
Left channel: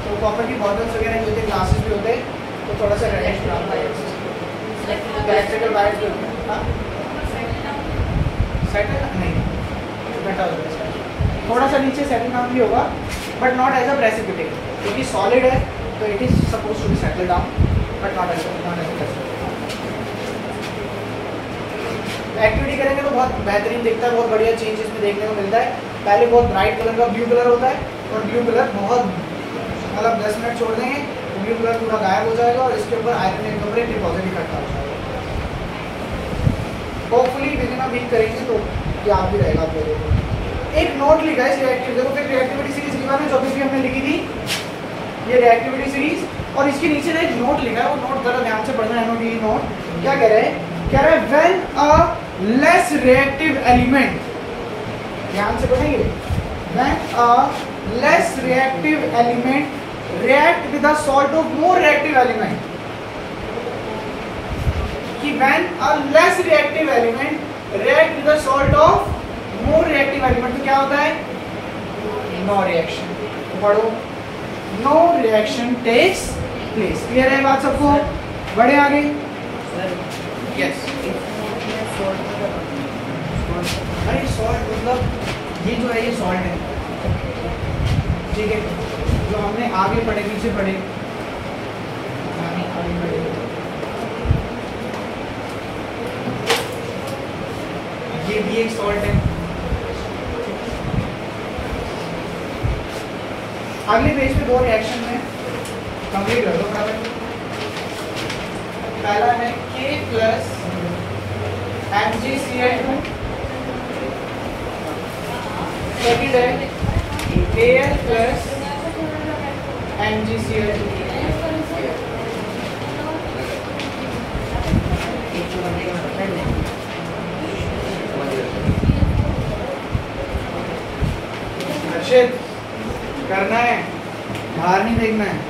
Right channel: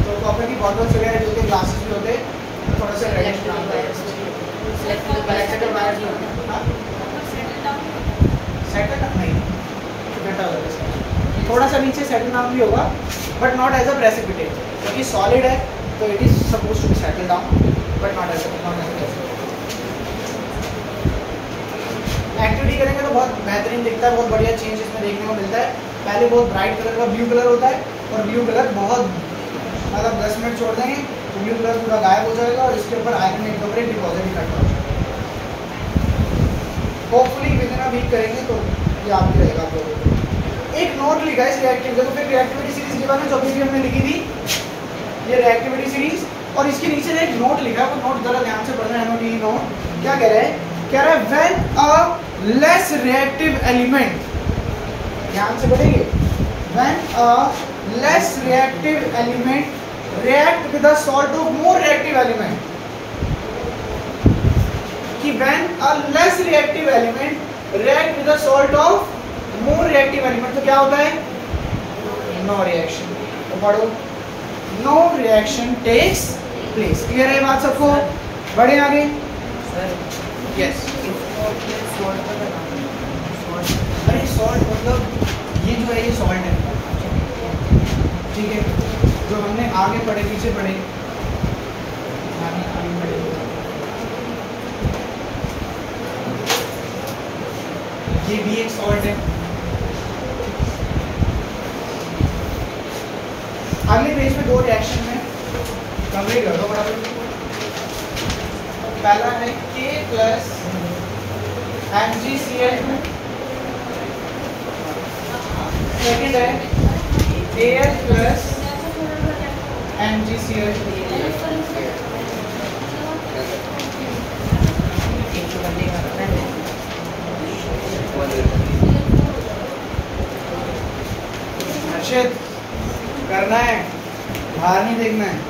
तो कॉपर की बॉटल्स वगैरह जो होते हैं, ग्लासेस भी होते हैं, तो थोड़ा सा रेडिश ब्राउन का इलेक्ट्रिकल वायर्स भी होते हैं। हाँ सेटल नहीं, थोड़ा सा नीचे सेटल नाम भी होगा, but not as a precipitate, क्योंकि सॉलिड है तो it is suppose to be settle down, but not as precipitate. Activity करेंगे तो बहुत बेहतरीन दिखता है, बहुत बढ़िया चीज़ इसमें देखने को मिलता है। पहले बहुत ब्राइट कलर का ब्लू कलर होता है, और ब्लू कलर बहुत मतलब 10 मिनट छोड़ देंगे तो ब्लू कलर पूरा गायब हो जाएगा, और इसके ऊपर आयरन एक कपड़े डिपॉजिट इकट्ठा हो जाएगा। होपफुली विदिन अ वीक करेंगे तो याद भी रहेगा आप लोगों को। एक नोट लिखा है इस रिएक्टिव, देखो फिर रिएक्टिविटी सीरीज के बारे में जो भी हमने लिखी थी, ये रिएक्टिविटी सीरीज, और इसके नीचे एक नोट लिखा है, वो नोट जरा ध्यान से पढ़ना है। नोट क्या कह रहा है? कह रहा है when a less reactive element, ध्यान से पढ़ेंगे, when a less reactive element react with the salt of more reactive element, कि when a less reactive element react with the salt of more reactive element, तो क्या होता है, no reaction। तो पढ़ो, no reaction takes place। Clear है बात सबको? बढ़े आगे। यस, अरे सॉल्ट मतलब ये जो है ये सॉल्ट है, ठीक है, जो हमने आगे पढ़े पीछे पढ़े, ये भी एक सॉल्ट है। अगले पेज पे दो रिएक्शन में कंप्लीट कर दो फटाफट। पहला है K + MgCl2, सेकेंड है Al + MgCl2। हर्षित करना है, बाहर नहीं देखना है।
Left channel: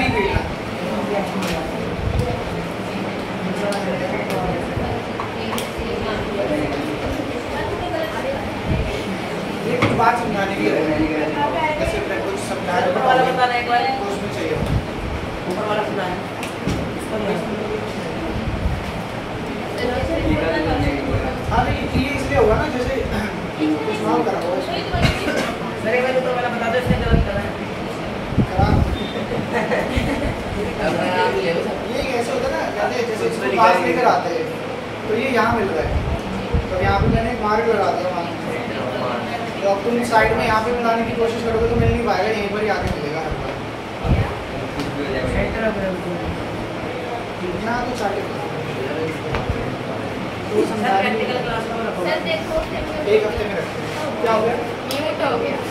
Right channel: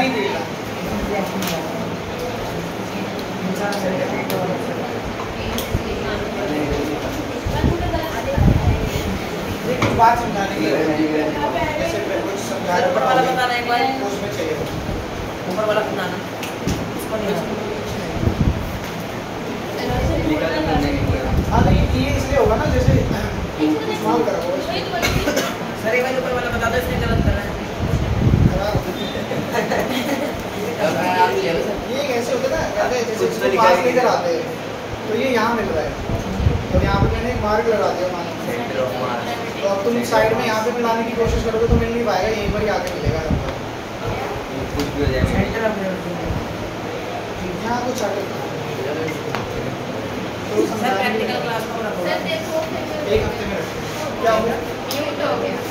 नहीं पीना। बात समझाने के लिए जैसे मैं कुछ समझा रहा हूं वाला बताना एक बार उसमें चाहिए ऊपर वाला बताना हां तो ये इसलिए होगा ना जैसे स्मॉल करा हुआ सर एक बार ऊपर वाला बता दो इसने गलत करा है ये कैसे होता है ना जैसे इसको पास लेकर आते हैं तो ये यहाँ मिल रहा है तो यहाँ पे मैंने मार्क लगा दिया तो अब तुम साइड में यहाँ पे मिलाने की कोशिश करोगे तो मिल नहीं पाएगा, यहीं पर ही आके मिलेगा यहाँ तो चार्ट एक हफ्ते में रखो क्या हो गया?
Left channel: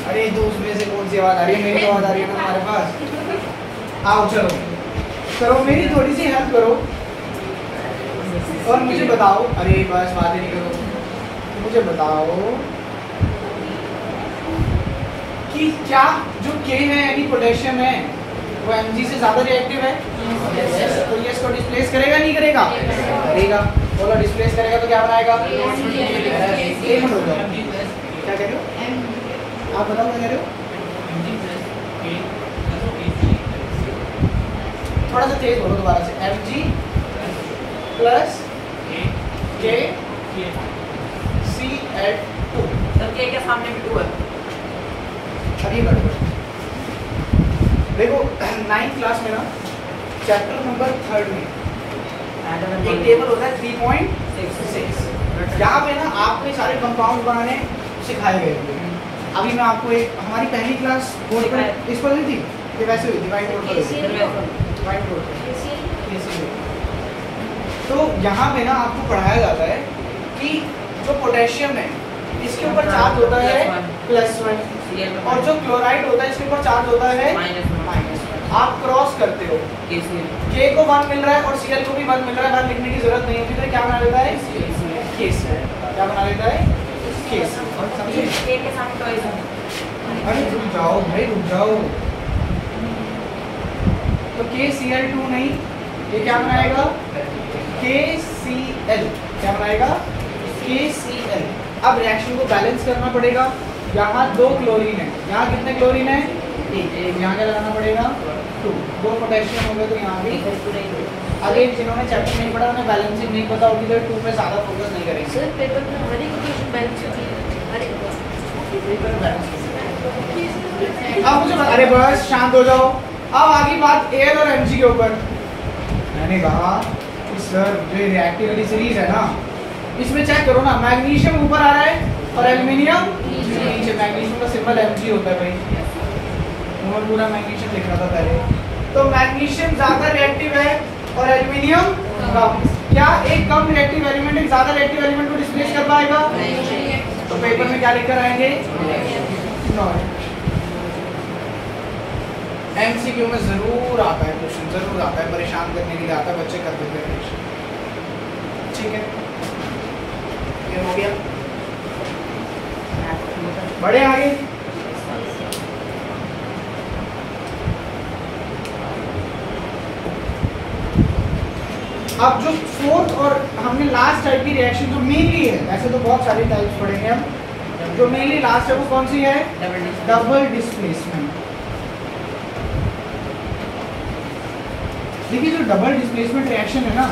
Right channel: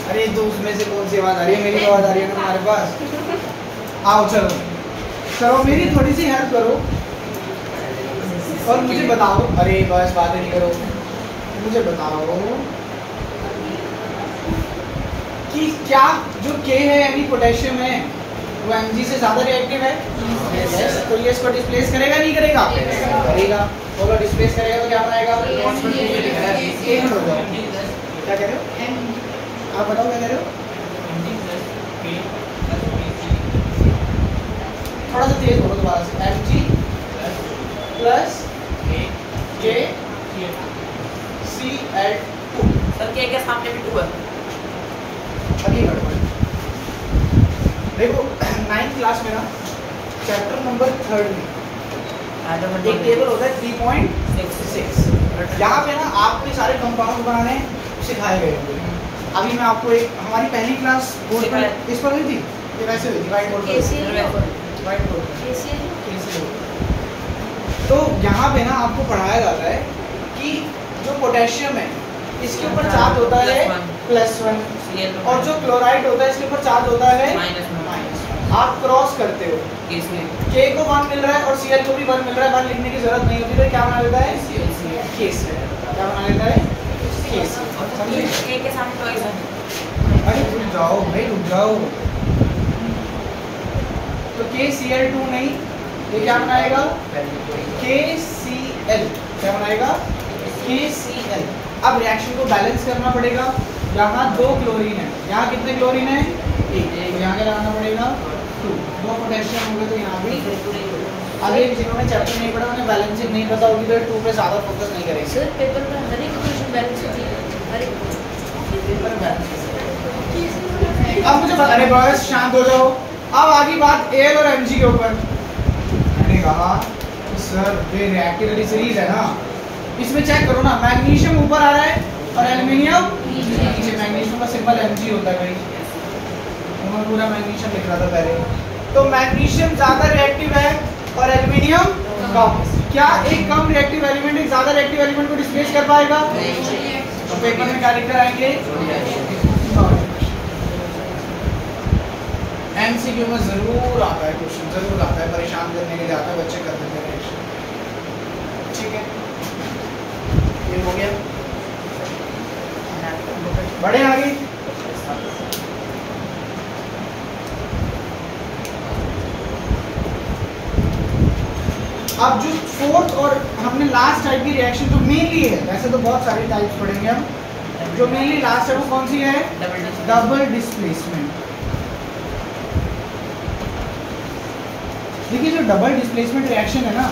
अरे तो उसमें से कौन सी आवाज़ आ रही है? मेरी आवाज़ आ रही है ना हमारे पास। आओ चलो करो मेरी थोड़ी सी हेल्प करो और मुझे बताओ। अरे बस बातें नहीं करो, मुझे बताओ कि क्या जो K है यानी पोटेशियम है वो Mg से ज़्यादा रिएक्टिव है? yes. तो ये इसको डिस्प्लेस करेगा नहीं करेगा? करेगा। बोलो डिस्प्लेस करेगा तो क्या बनाएगा? A हट हो जाओ। क्या कह रहे हो आप बताओ क्या कह रहे हो? थोड़ा सा तेज बोलो दोबारा से। Mg plus K Cl2 sir K के सामने भी 2 है। अभी देखो 9th क्लास में ना चैप्टर नंबर 3 में एक टेबल होता है 3.66 यहाँ पे ना आपके सारे कंपाउंड बनाने सिखाए गए होंगे। अभी मैं आपको एक हमारी पहली क्लास बोर्ड पर इस पर हुई थी ये वैसे हुई थी व्हाइट बोर्ड पर। तो यहाँ पे ना आपको पढ़ाया जाता है कि जो पोटेशियम है इसके ऊपर चार्ज होता है +1 और जो क्लोराइड होता है इसके ऊपर चार्ज होता है -1। आप क्रॉस करते हो K को 1 मिल रहा है और Cl को भी 1 मिल रहा है, 1 लिखने की जरूरत नहीं होती तो क्या बना देता है KCl। क्या बना देता है KCl। समझे? K के सामने टॉइस है। अरे रुक जाओ भाई रुक जाओ। तो KCl2 नहीं ये क्या बनाएगा KCl। क्या बनाएगा KCl। अब रिएक्शन को बैलेंस करना पड़ेगा। यहाँ 2 क्लोरीन है, यहाँ कितने क्लोरीन है? 1। यहाँ क्या लगाना पड़ेगा 2। 2 पोटेशियम हो गए तो यहाँ भी। आगे जिन्होंने चैप्टर नहीं पढ़ा उन्हें बैलेंसिंग नहीं पता होगी तो 2 पे ज़्यादा फोकस नहीं करेंगे। सर पेपर में हर एक इक्वेशन बैलेंस होती है। अब मुझे बता। अरे बस शांत हो जाओ। अब आगे बात Al और Mg के ऊपर। मैंने कहा सर ये रिएक्टिविटी सीरीज है ना इसमें चेक करो ना मैग्नीशियम ऊपर आ रहा है और एल्युमिनियम नीचे। मैग्नीशियम का सिंबल Mg होता है भाई। मैं पूरा मैग्नीशियम लिख रहा था पहले। तो मैग्नीशियम ज्यादा रिएक्टिव है और एल्युमिनियम कम। क्या एक कम रिएक्टिव एलिमेंट एक ज्यादा रिएक्टिव एलिमेंट को डिस्प्लेस कर पाएगा? तो पेपर में क्या लिखकर आएंगे? एमसीक्यू में जरूर आता है क्वेश्चन, जरूर आता है, परेशान करने के लिए आता है, बच्चे कर देते हैं। ठीक है ये हो गया। बढ़े आगे। अब जो 4th और हमने लास्ट टाइप की रिएक्शन जो मेनली है, वैसे तो बहुत सारे टाइप्स पढ़ेंगे हम, जो मेनली लास्ट है वो कौन सी है? Double displacement. देखिए जो डबल डिस्प्लेसमेंट रिएक्शन है ना,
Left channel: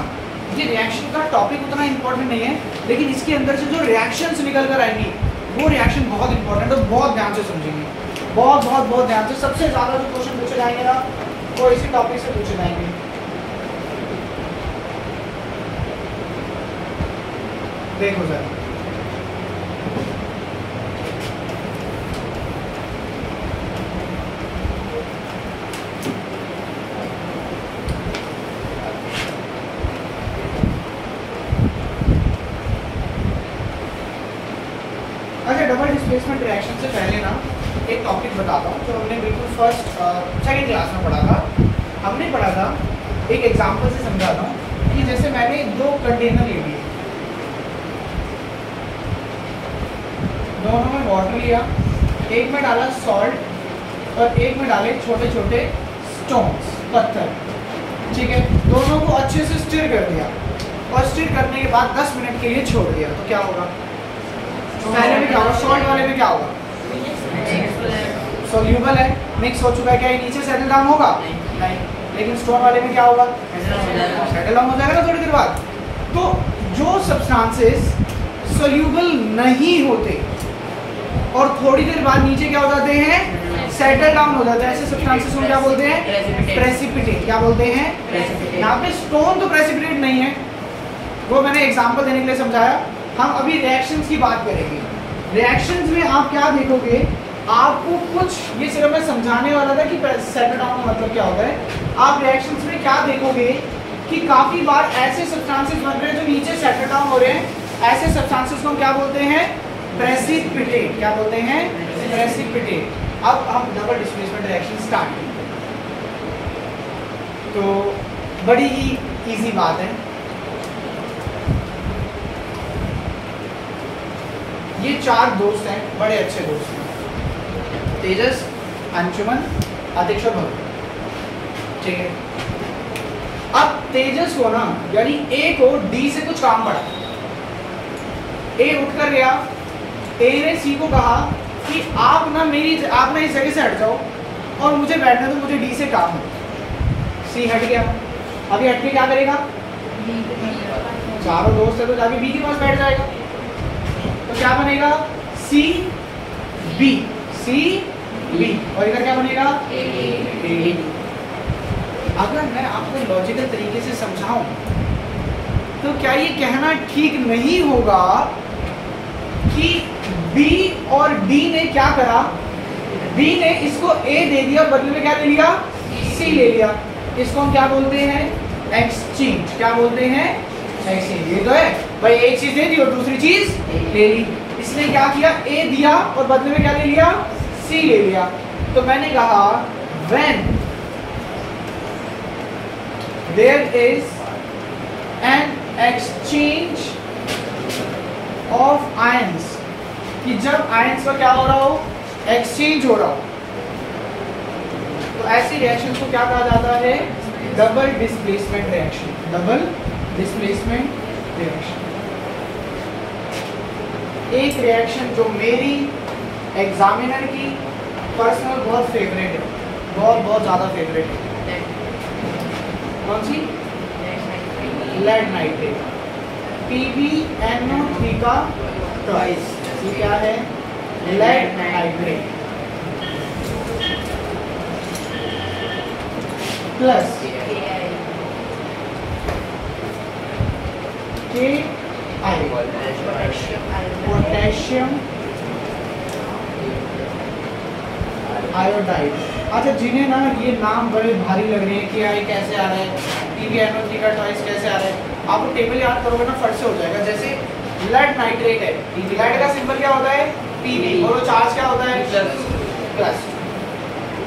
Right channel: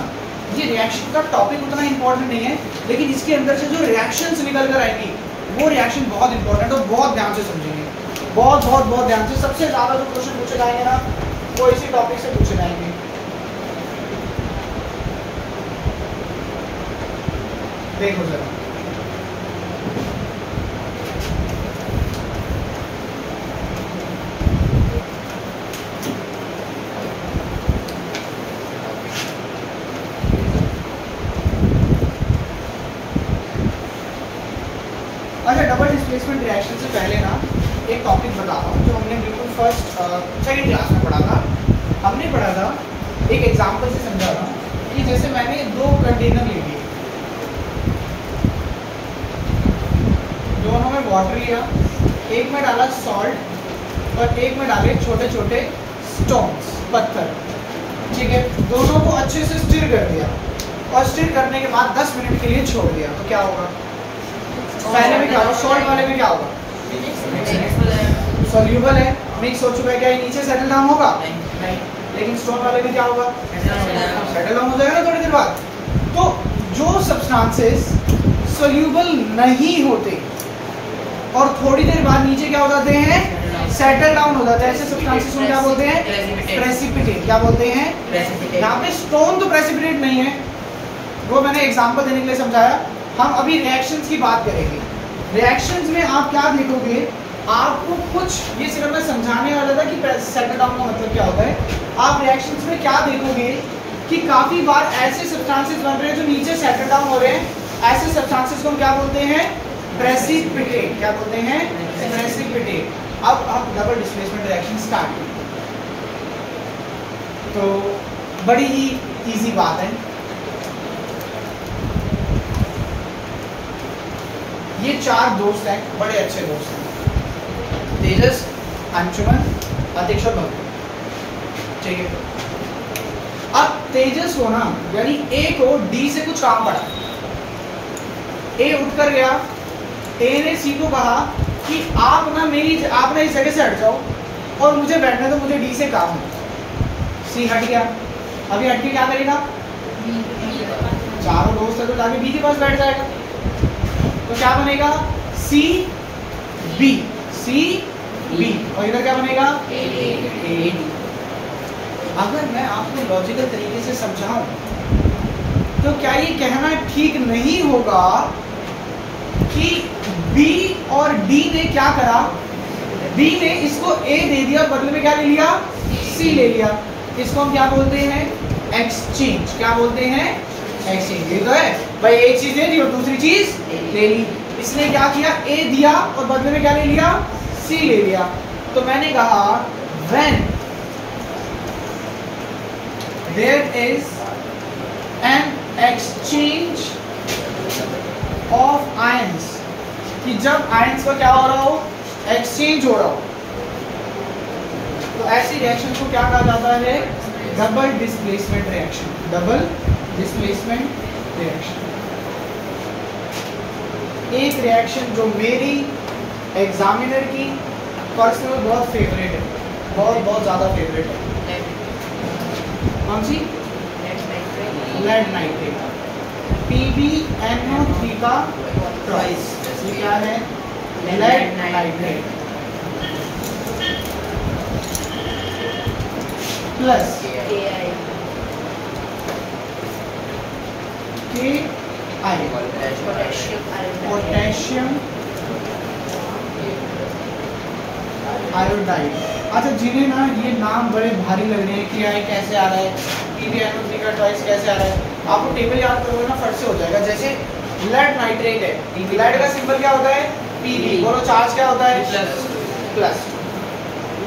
ये रिएक्शन का टॉपिक उतना इंपॉर्टेंट नहीं है, लेकिन इसके अंदर से जो रिएक्शंस निकल कर आएंगी वो रिएक्शन बहुत इंपॉर्टेंट है और बहुत ध्यान से समझेंगे। बहुत ध्यान से। सबसे ज़्यादा जो क्वेश्चन पूछे जाएंगे ना वो इसी टॉपिक से पूछे जाएंगे। देखो जरा अच्छा डबल डिस्प्लेसमेंट रिएक्शन से पहले ना एक टॉपिक बताता हूँ जो हमने बिल्कुल सेकंड क्लास में पढ़ा था। हमने पढ़ा था एक एग्जांपल से समझा था कि जैसे मैंने 2 कंटेनर ले लिए, दोनों में वाटर लिया, एक में डाला सॉल्ट और एक में डाले छोटे छोटे स्टोन्स। पत्थर। ठीक है, दोनों को अच्छे से स्टिर कर दिया और स्टिर करने के बाद 10 मिनट के लिए छोड़ दिया, तो क्या होगा? पहले में क्या होगा? सॉल्ट वाले में क्या होगा? सोल्यूबल है, मिक्स हो चुका है, क्या ये नीचे सेटल डाउन होगा? नहीं। लेकिन स्टोन वाले में क्या होगा? सेटल डाउन हो जाएगा ना थोड़ी देर बाद। तो जो सब्सटेंसेस सोल्यूबल नहीं होते और थोड़ी देर बाद नीचे क्या हो जाते हैं? सेटल डाउन हो जाते हैं, ऐसे सब्सटेंसेस को क्या बोलते हैं? प्रेसिपिटेट। क्या बोलते हैं? यहाँ पे स्टोन तो प्रेसिपिटेट नहीं है, वो मैंने एग्जांपल देने के लिए समझाया। हम अभी रिएक्शंस की बात करेंगे। रिएक्शंस में आप क्या देखोगे? आपको कुछ, ये सिर्फ मैं समझाने वाला था कि सेटल डाउन का मतलब क्या होता है। आप रिएक्शंस में क्या देखोगे कि काफी बार ऐसे सब्सटेंसेस बन रहे हैं जो नीचे सेटल डाउन हो रहे हैं, ऐसे सब्सटेंसेस को हम क्या बोलते हैं? प्रेसिपिटेट। क्या बोलते हैं? प्रेसिपिटेट। अब हम डबल डिस्प्लेसमेंट रिएक्शन स्टार्ट करेंगे। तो बड़ी ही इजी बात है। ये 4 दोस्त हैं, बड़े अच्छे दोस्त हैं, तेजस, अंशुमन, अतिक्ष और भव्य। ठीक है, अब तेजस को ना, यानी ए को डी से कुछ काम पड़ा। ए उठकर गया, ए ने सी को कहा कि आप ना इस जगह से हट जाओ और मुझे बैठने दो, मुझे डी से काम है। सी हट गया। अभी हट के क्या करेगा? चारों दोस्त है तो जाके बी के पास बैठ जाएगा, तो क्या बनेगा? सी बी, सी बी, और इधर क्या बनेगा? ए। अगर मैं आपको लॉजिकल तरीके से समझाऊं तो क्या ये कहना ठीक नहीं होगा कि बी और डी ने क्या करा? बी ने इसको ए दे दिया और बदले में क्या ले लिया? सी ले लिया। इसको हम क्या बोलते हैं? एक्सचेंज। क्या बोलते हैं? एक्सचेंज। ये तो है भाई, एक चीज दे दी और दूसरी चीज ले ली। इसने क्या किया? ए दिया और बदले में क्या ले लिया? सी ले लिया। तो मैंने कहा when there is an exchange of ions, कि जब आयंस का क्या हो रहा हो? एक्सचेंज हो रहा हो, तो ऐसी रिएक्शन को क्या कहा जाता है? Double displacement reaction. Double displacement reaction. एक रिएक्शन जो मेरी एग्जामिनर की पर्सनल बहुत फेवरेट है, बहुत ज़्यादा फेवरेट है। कौन सी? Lead nitrate. PbNO3 का ट्वाइस। ये क्या है? Lead nitrate plus potassium iodide. अच्छा, जिन्हें ना ये नाम बड़े भारी लग रहे हैं कि यार कैसे आ रहा है, PbNO3 का ट्वाइस कैसे आ रहा है, आपको टेबल याद करोगे ना फट से हो जाएगा। जैसे लेड नाइट्रेट है, लेड का सिंबल क्या होता है? Pb, बोलो चार्ज क्या होता है? प्लस।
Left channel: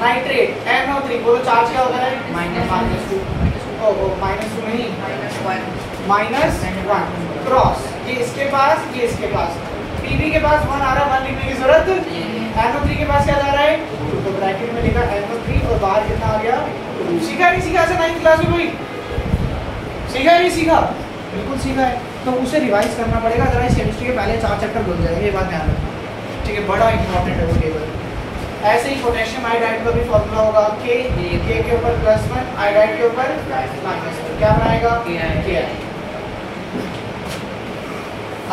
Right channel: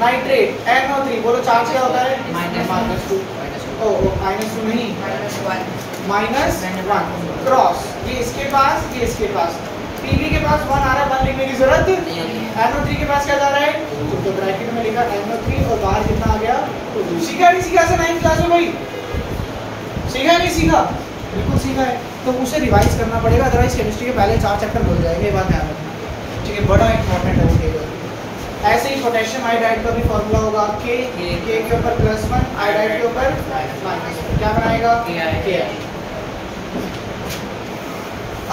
नाइट्रेट NO3, बोलो चार्ज क्या होता है? -2। -2 नहीं, -1 क्रॉस। ये इसके पास, ये इसके पास। Pb के पास 1 आ रहा है, 1 लिखने की जरूरत। NO3 के पास क्या जा रहा है? तो ब्रैकेट में लिखा NO3 और बाहर कितना आ गया? सीखा नहीं सीखा से 9th क्लास में भाई? सीखा नहीं सीखा? बिल्कुल सीखा है। तो उसे रिवाइज करना पड़ेगा, अदरवाइज केमिस्ट्री के पहले 4 चैप्टर भूल जाएंगे, ये बात ध्यान रखना। ठीक है, बड़ा इंपॉर्टेंट है वो टेबल। ऐसे ही पोटेशियम आयोडाइड का भी फॉर्मूला होगा K के ऊपर +1, आयोडाइड के ऊपर -1। क्या बनाएगा? Ki।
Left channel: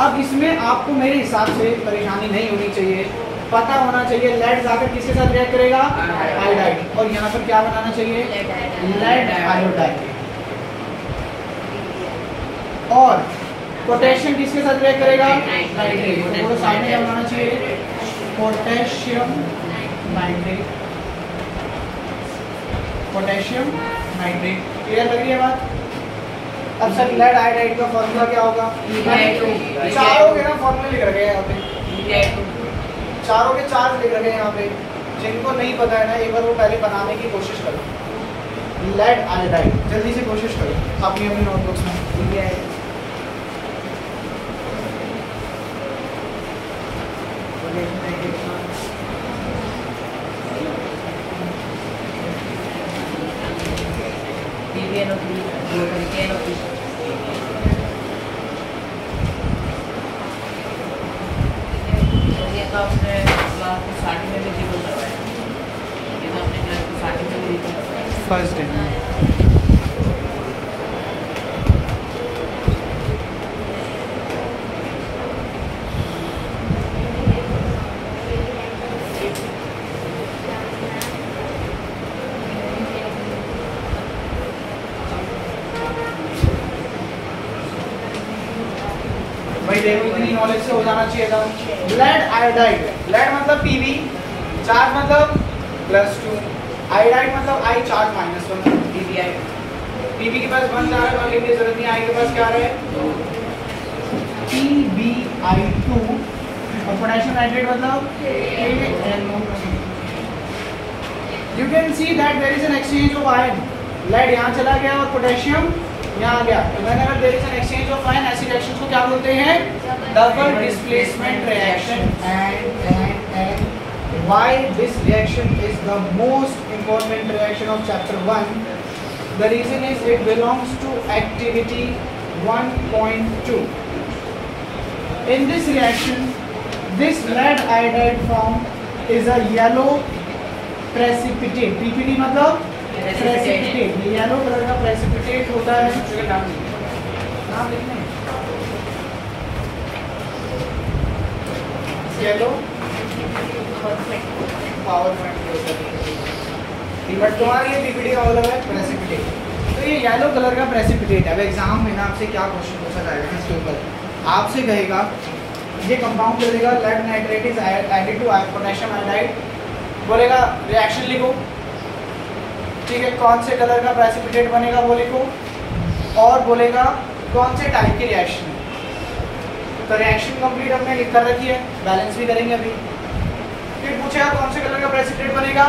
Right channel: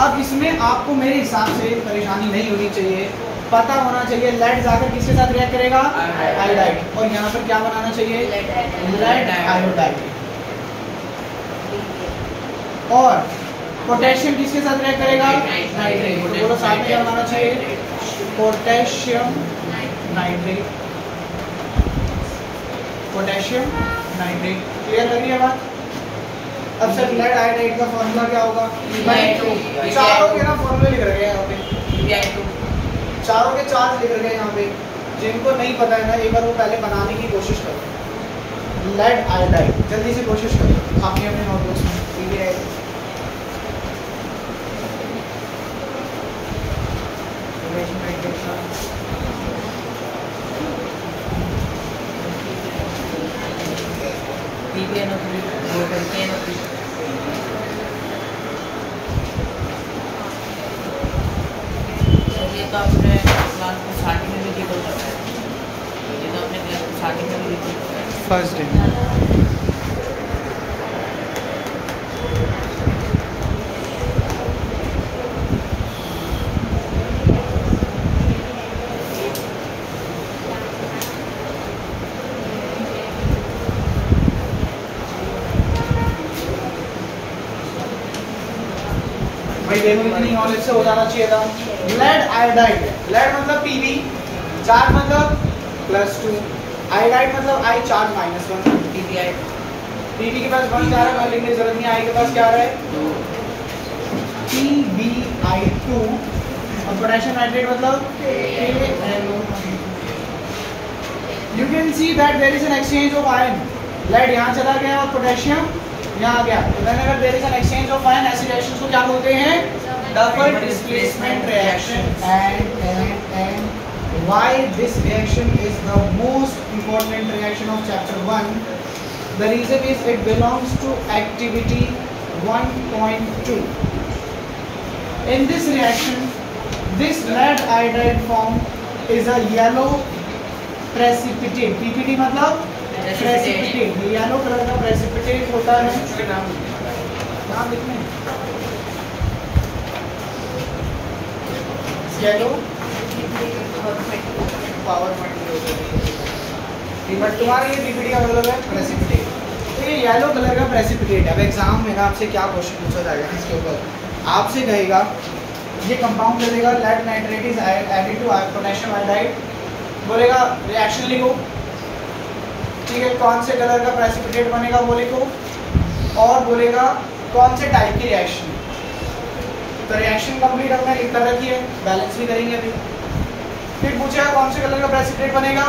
अब इसमें आपको मेरे हिसाब से परेशानी नहीं होनी चाहिए, पता होना चाहिए लेड जाकर किसके साथ रिएक्ट करेगा? आयोडाइड। और यहाँ पर क्या बनाना चाहिए? Lead iodide. और पोटेशियम किसके साथ रिएक्ट करेगा? नाइट्रेट। तो बोलो साइड में क्या बनाना चाहिए? Potassium nitrate. Potassium nitrate. Clear लग रही है बात? अब सर लेड आयोडाइड का फॉर्मूला क्या होगा? चारों के ना फॉर्मूले लिख रखे हैं यहाँ पे, चारों के 4 लिख रखे हैं यहाँ पे। जिनको नहीं पता है ना, एक बार वो पहले बनाने की कोशिश करें। लेड आयोडाइड जल्दी से कोशिश करें अपनी अपनी नोटबुक्स में। ठीक है, PbNO3 दो तरीके हैं NO3 और ये तो आपने क्लास को स्टार्टिंग में भी बोल सकता है ये तो अपने क्लास को स्टार्टिंग में भी देख सकता है फर्स्ट डे भाई देखो इतनी नॉलेज से हो जाना चाहिए था। लेड आयोडाइड, लेड मतलब Pb, चार्ज मतलब +2, आयोडाइड मतलब I चार्ज -1, PbI Pb के पास 1 चार्ज और लिखने की जरूरत नहीं, I के पास क्या है PbI2 और पोटेशियम नाइट्रेट मतलब KNO। You can see that there is an exchange of ion, lead यहाँ चला गया और पोटेशियम यहाँ आ गया, तो whenever there is an exchange of ion, ऐसी रिएक्शंस को क्या बोलते हैं? Double displacement reaction. And why this reaction is the most important reaction of chapter 1? The reason is it belongs to activity 1.2. In this reaction, this lead iodide form is a yellow precipitate. PPT मतलब प्रेसिपिटेट, ये येलो कलर का प्रेसिपिटेट होता है। नाम लिखना है येलो पावर बट तुम्हारे लिए पीपीटी का मतलब है प्रेसिपिटेट। तो ये येलो कलर का प्रेसिपिटेट है। अब एग्जाम में ना आपसे क्या क्वेश्चन पूछा जाएगा इसके ऊपर, आपसे कहेगा ये कंपाउंड दे देगा lead nitrate is added to potassium iodide, बोलेगा रिएक्शन लिखो, ठीक है, कौन से कलर का प्रेसिपिटेट बनेगा वो लिखो, और बोलेगा कौन से टाइप की रिएक्शन। तो रिएक्शन कंप्लीट हमने लिख कर रखी है, बैलेंस भी करेंगे अभी। फिर पूछेगा कौन से कलर का प्रेसिपिटेट बनेगा,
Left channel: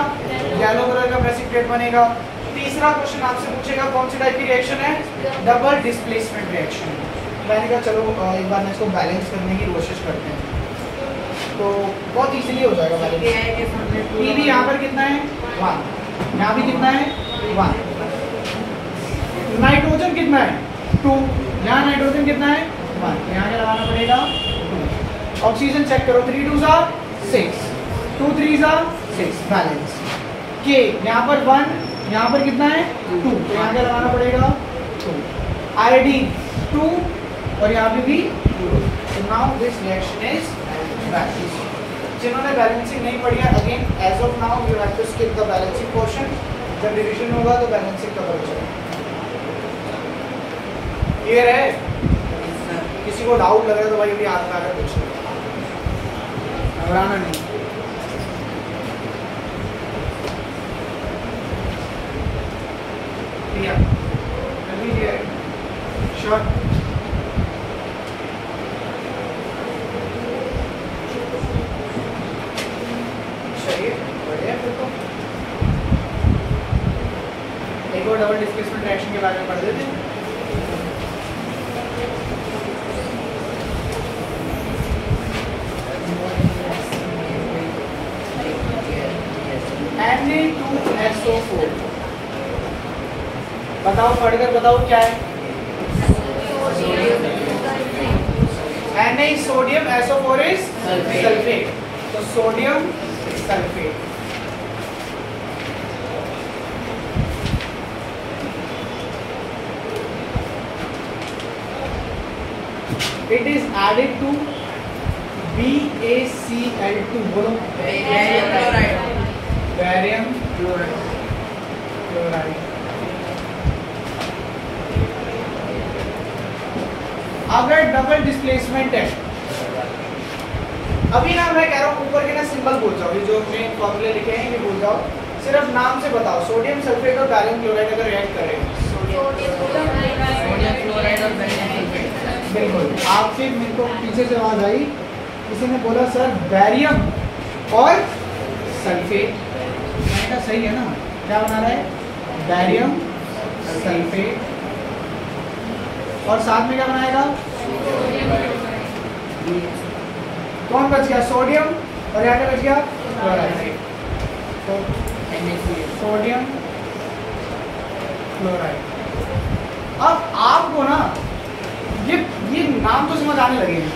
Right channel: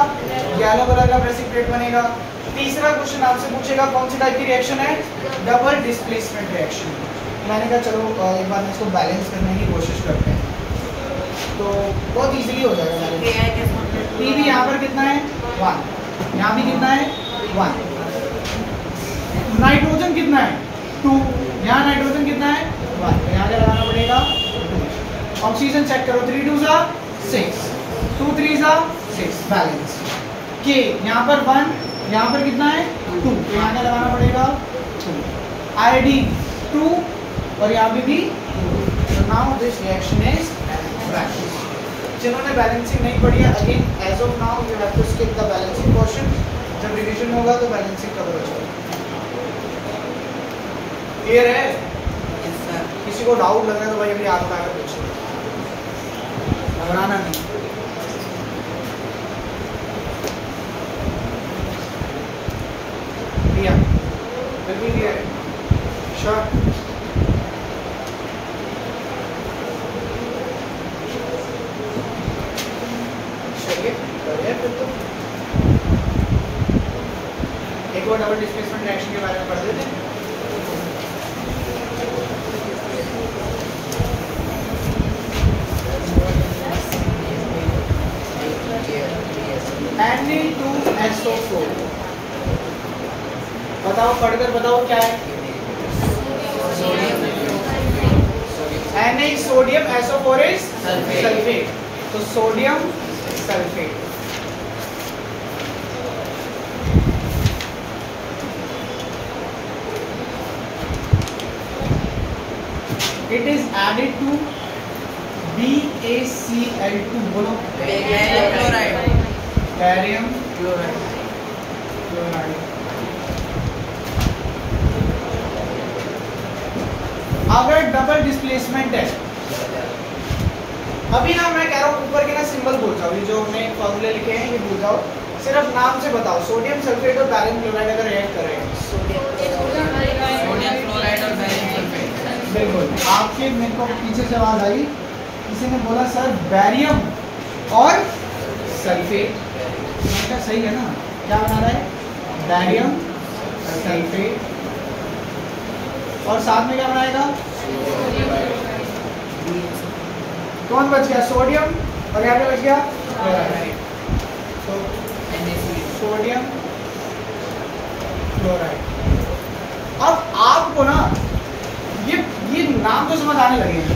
येलो कलर का प्रेसिपिटेट बनेगा। तीसरा क्वेश्चन आपसे पूछेगा कौन सी टाइप की रिएक्शन है, डबल डिस्प्लेसमेंट रिएक्शन। मैंने कहा चलो एक बार मैं इसको बैलेंस करने की कोशिश करते हैं, तो बहुत इजीली हो जाएगा बैलेंस। Pb यहाँ पर कितना है 1, यहाँ भी कितना है 1, नाइट्रोजन कितना है 2, यहाँ नाइट्रोजन कितना है 1, यहाँ क्या लगाना पड़ेगा 2। ऑक्सीजन चेक करो 3 2 6, 2 3 6, बैलेंस। K यहाँ पर 1, यहाँ पर कितना है 2, तो यहाँ क्या लगाना पड़ेगा 2। आयोडीन 2 और यहाँ पे भी 2। तो now this reaction is balance. जिन्होंने बैलेंसिंग नहीं पढ़ी है, again as of now you have to skip the balancing portion. जब रिवीजन होगा तो बैलेंसिंग कवर हो जाएगा। क्लियर है? किसी को डाउट लग रहा है तो भाई याद करा कर पूछो, घबराना नहीं। लिया जल्दी लिया श्योर। एक और डबल डिस्प्लेसमेंट रिएक्शन के बारे में पढ़ देते हैं। Na2SO4 बताओ, पढ़कर बताओ क्या है। Na sodium, SO4 is sulphate, तो sodium sulphate. It is added to BaCl2, बोलो बैरियम क्लोराइड। अगर डबल डिस्प्लेसमेंट है, अभी ना मैं कह रहा हूँ ऊपर के ना सिंबल भूल जाओ, ये जो हमने फॉर्मूले लिखे हैं ये भूल जाओ, सिर्फ नाम से बताओ। सोडियम सल्फेट और बैरियम क्लोराइड अगर रिएक्ट कर रहे हैं, सोडियम क्लोराइड और बैरियम सल्फेट, बिल्कुल। आपके मेरे को पीछे से आवाज आई, किसी ने बोला सर बैरियम और सल्फेट, मैंने कहा सही है ना, क्या बना रहा है बैरियम सल्फेट, और साथ में क्या बनाएगा, कौन बच गया सोडियम, और यहाँ पे बच गया क्लोराइड। तो सोडियम क्लोराइड। अब आपको ना ये नाम तो समझ आने लगे हैं,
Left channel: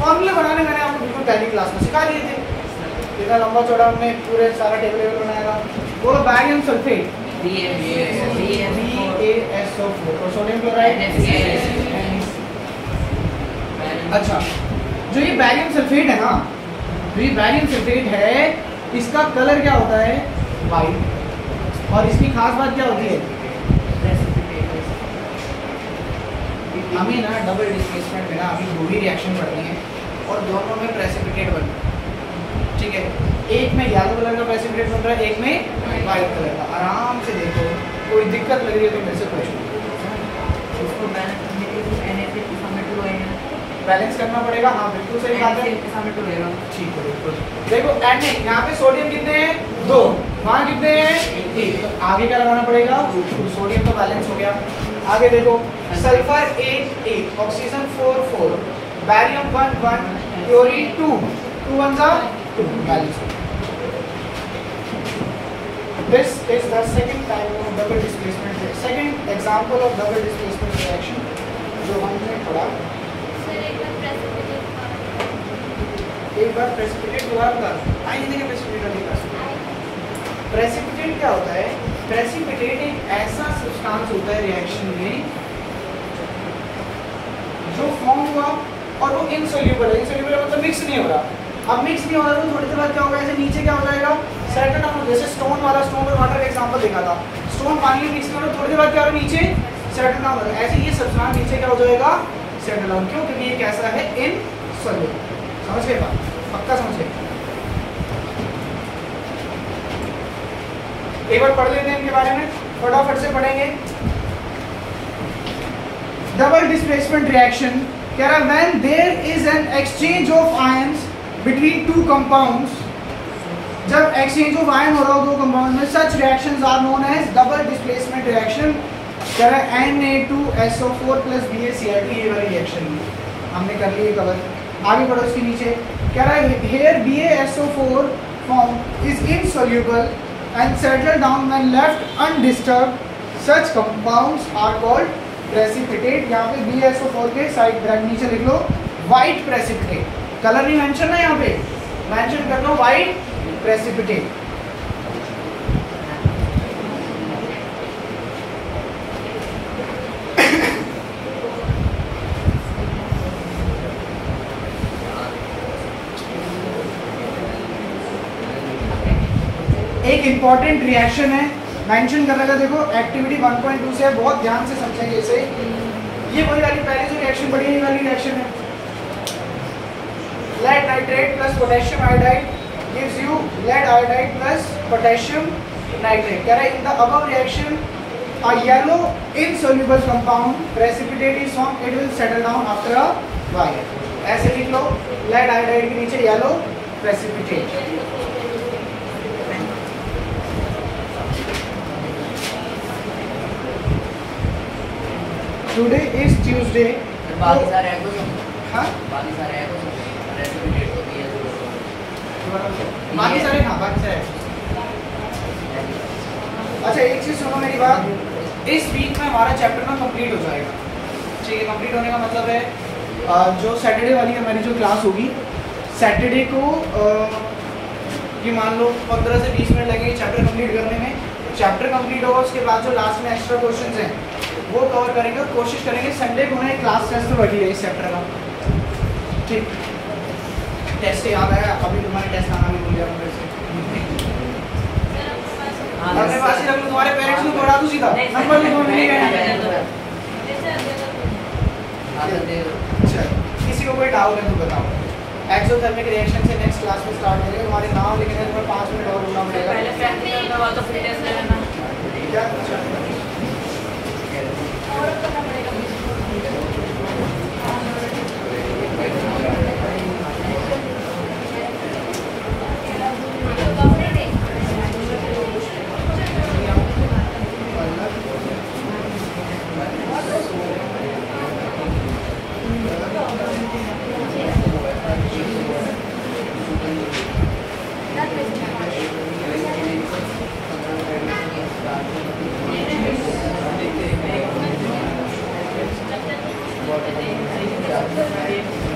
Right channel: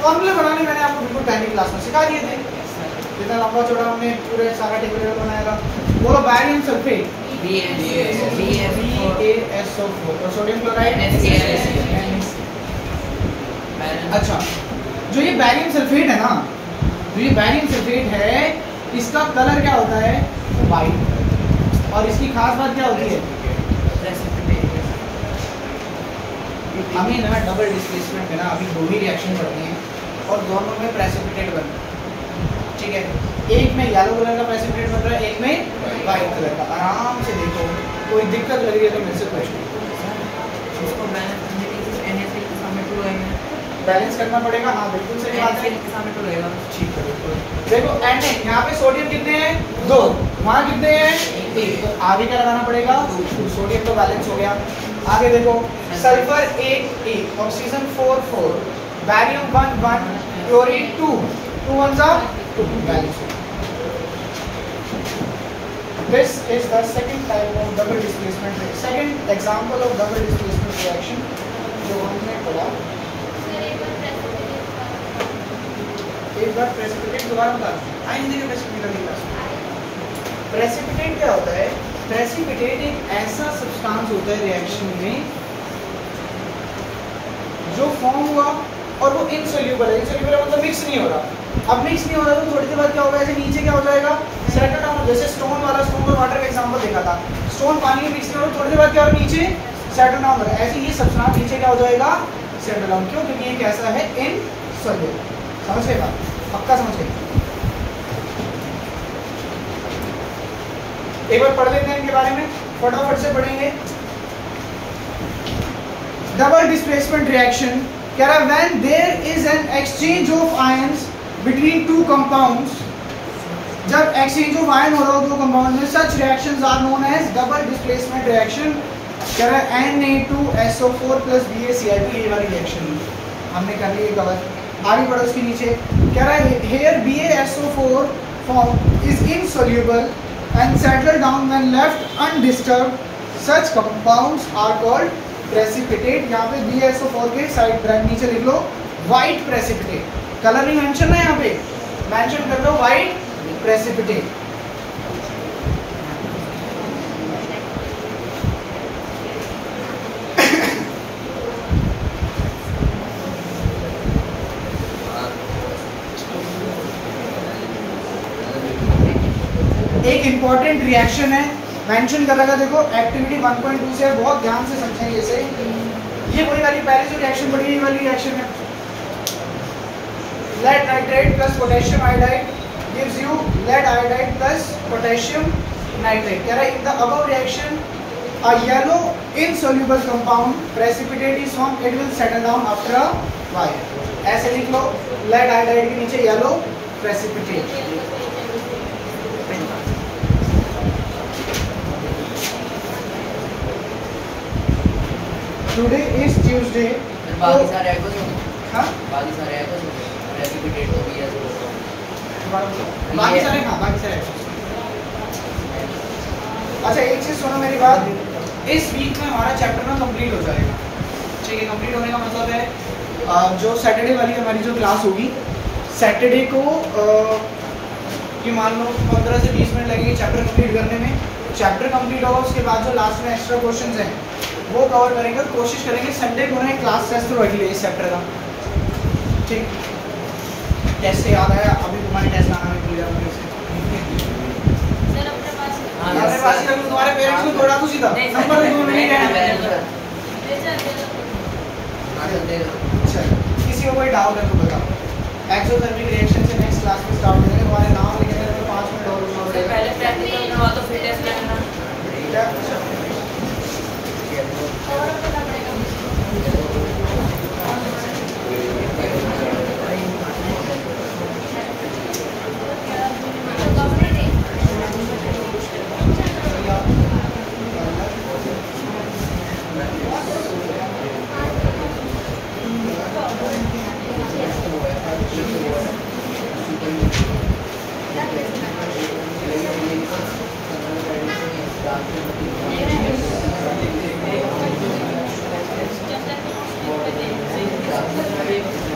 फॉर्मूले बनाने मैंने आपको बिल्कुल पहली क्लास में सिखा दिए थे। इतना लंबा चौड़ा हमने पूरे सारा टेबल बनाया था। बोलो बैरियम सल्फेट BaSO4 और सोडियम क्लोराइड। अच्छा, जो ये बैरियम सल्फेट है ना, जो ये बैरियम सल्फेट है, इसका कलर क्या होता है? वाइट। और इसकी खास बात क्या होती है? हमें ना डबल डिस्प्लेसमेंट में ना अभी दो ही रिएक्शन पढ़नी है और दोनों में प्रेसिपिटेट बन, ठीक है? एक में येलो कलर का प्रेसिपिटेट बन रहा है, एक में वाइट कलर का। आराम से देखो, कोई दिक्कत लग रही है तो मेरे से पूछो। बैलेंस करना पड़ेगा। हाँ बिल्कुल सही बात है, ठीक है बिल्कुल। देखो एन यहाँ पे सोडियम कितने हैं? 2, वहाँ कितने हैं? 1। आगे क्या लगाना पड़ेगा? सोडियम तो बैलेंस हो गया। आगे देखो, sulphur 8, oxygen 4, barium 1, chlorine 2, 2 1 balance. This is the second type of double displacement reaction. Second example of double displacement reaction जो हमने पढ़ा। एक बार प्रेसिपिटेट दोबारा बता, आइए देखिए प्रेसिपिटेट क्या होता है? प्रेसिपिटेट एक ऐसा सब्सटेंस होता है रिएक्शन में जो फॉर्म हुआ और वो इनसोल्यूबल है। इनसोल्यूबल मतलब मिक्स नहीं हो रहा। अब मिक्स नहीं हो रहा तो थोड़ी देर बाद क्या होगा? ऐसे नीचे क्या हो जाएगा? Settle down. जैसे स्टोन वाला, स्टोन और वाटर का एग्जांपल देखा था। स्टोन पानी में मिक्स नहीं हो रहा, थोड़ी देर बाद क्या हो रहा है? नीचे सेटल डाउन हो रहा है। ऐसे ये सब्सटेंस नीचे क्या हो जाएगा? Settle down. क्यों? क्योंकि ये कैसा है? इनसोल्यूबल। समझ गए बात? पक्का समझ गए? एक बार पढ़ लेते हैं इनके बारे में, फटाफट से पढ़ेंगे। डबल डिस्प्लेसमेंट रिएक्शन कह रहा है when there is an exchange of ions between two compounds, जब एक्सचेंज ऑफ आयन हो रहा हो दो कंपाउंड में, such reactions are known as double displacement reaction. कह रहा है Na2SO4 + BaCl2, ये वाली रिएक्शन हमने कर ली कवर। आगे बढ़ो उसके नीचे, कह रहा है here BaSO4 form is insoluble and settle down when left undisturbed. Such compounds are called precipitate. यहाँ पे BaSO4 के साइड ब्रैकेट नीचे लिख लो white precipitate। कलर नहीं मेंशन है, यहाँ पे मेंशन कर लो white precipitate। एक इंपॉर्टेंट रिएक्शन है, मेंशन कर रखा। देखो एक्टिविटी 1.2 से बहुत ध्यान से समझेंगे इसे। ये वही वाली पहले जो रिएक्शन बढ़ी है, ये वाली रिएक्शन है। Lead nitrate plus potassium iodide gives you lead iodide plus potassium nitrate. कह रहा है in the above reaction a yellow insoluble compound precipitate is formed, it will settle down after a while। ऐसे लिख लो, लेड आयोडाइड के नीचे yellow precipitate। Today is Tuesday। बाकी सारे एकोस हो गए। हाँ बाकी सारे एकोस हो गए। प्रेसिपिटेट हो गई है। बाकी सारे, हाँ बाकी सारे। अच्छा एक चीज़ सुनो मेरी बात, इस वीक में हमारा चैप्टर ना कंप्लीट हो जाएगा। ठीक है, कंप्लीट होने का मतलब है जो सैटरडे वाली हमारी जो क्लास होगी, सैटरडे को कि मान लो 15 से 20 मिनट लगेंगे चैप्टर कंप्लीट करने में। चैप्टर कंप्लीट होगा, उसके बाद जो लास्ट में एक्स्ट्रा क्वेश्चंस हैं वो कवर करेंगे और कोशिश करेंगे संडे को ना एक क्लास टेस्ट रख लिया इस चैप्टर का। ठीक, टेस्ट से याद आया, अभी तुम्हारी टेस्ट आना भी भूल गया मुझे से। अपने पास ही रख लो, तुम्हारे पेरेंट्स को दौड़ा दूँ सीधा, नंबर तो तुम्हें मिल ही गया। अच्छा, किसी को कोई डाउट है तो बताओ। एक्सोथर्मिक रिएक्शन से नेक्स्ट क्लास में स्टार्ट होंगे। तुम्हारे नाम लिखने में 5 मिनट और रुकना पड़ेगा। पहले प्रैक्टिकल करना हुआ तो फिर टेस्ट करना। ठीक है, सही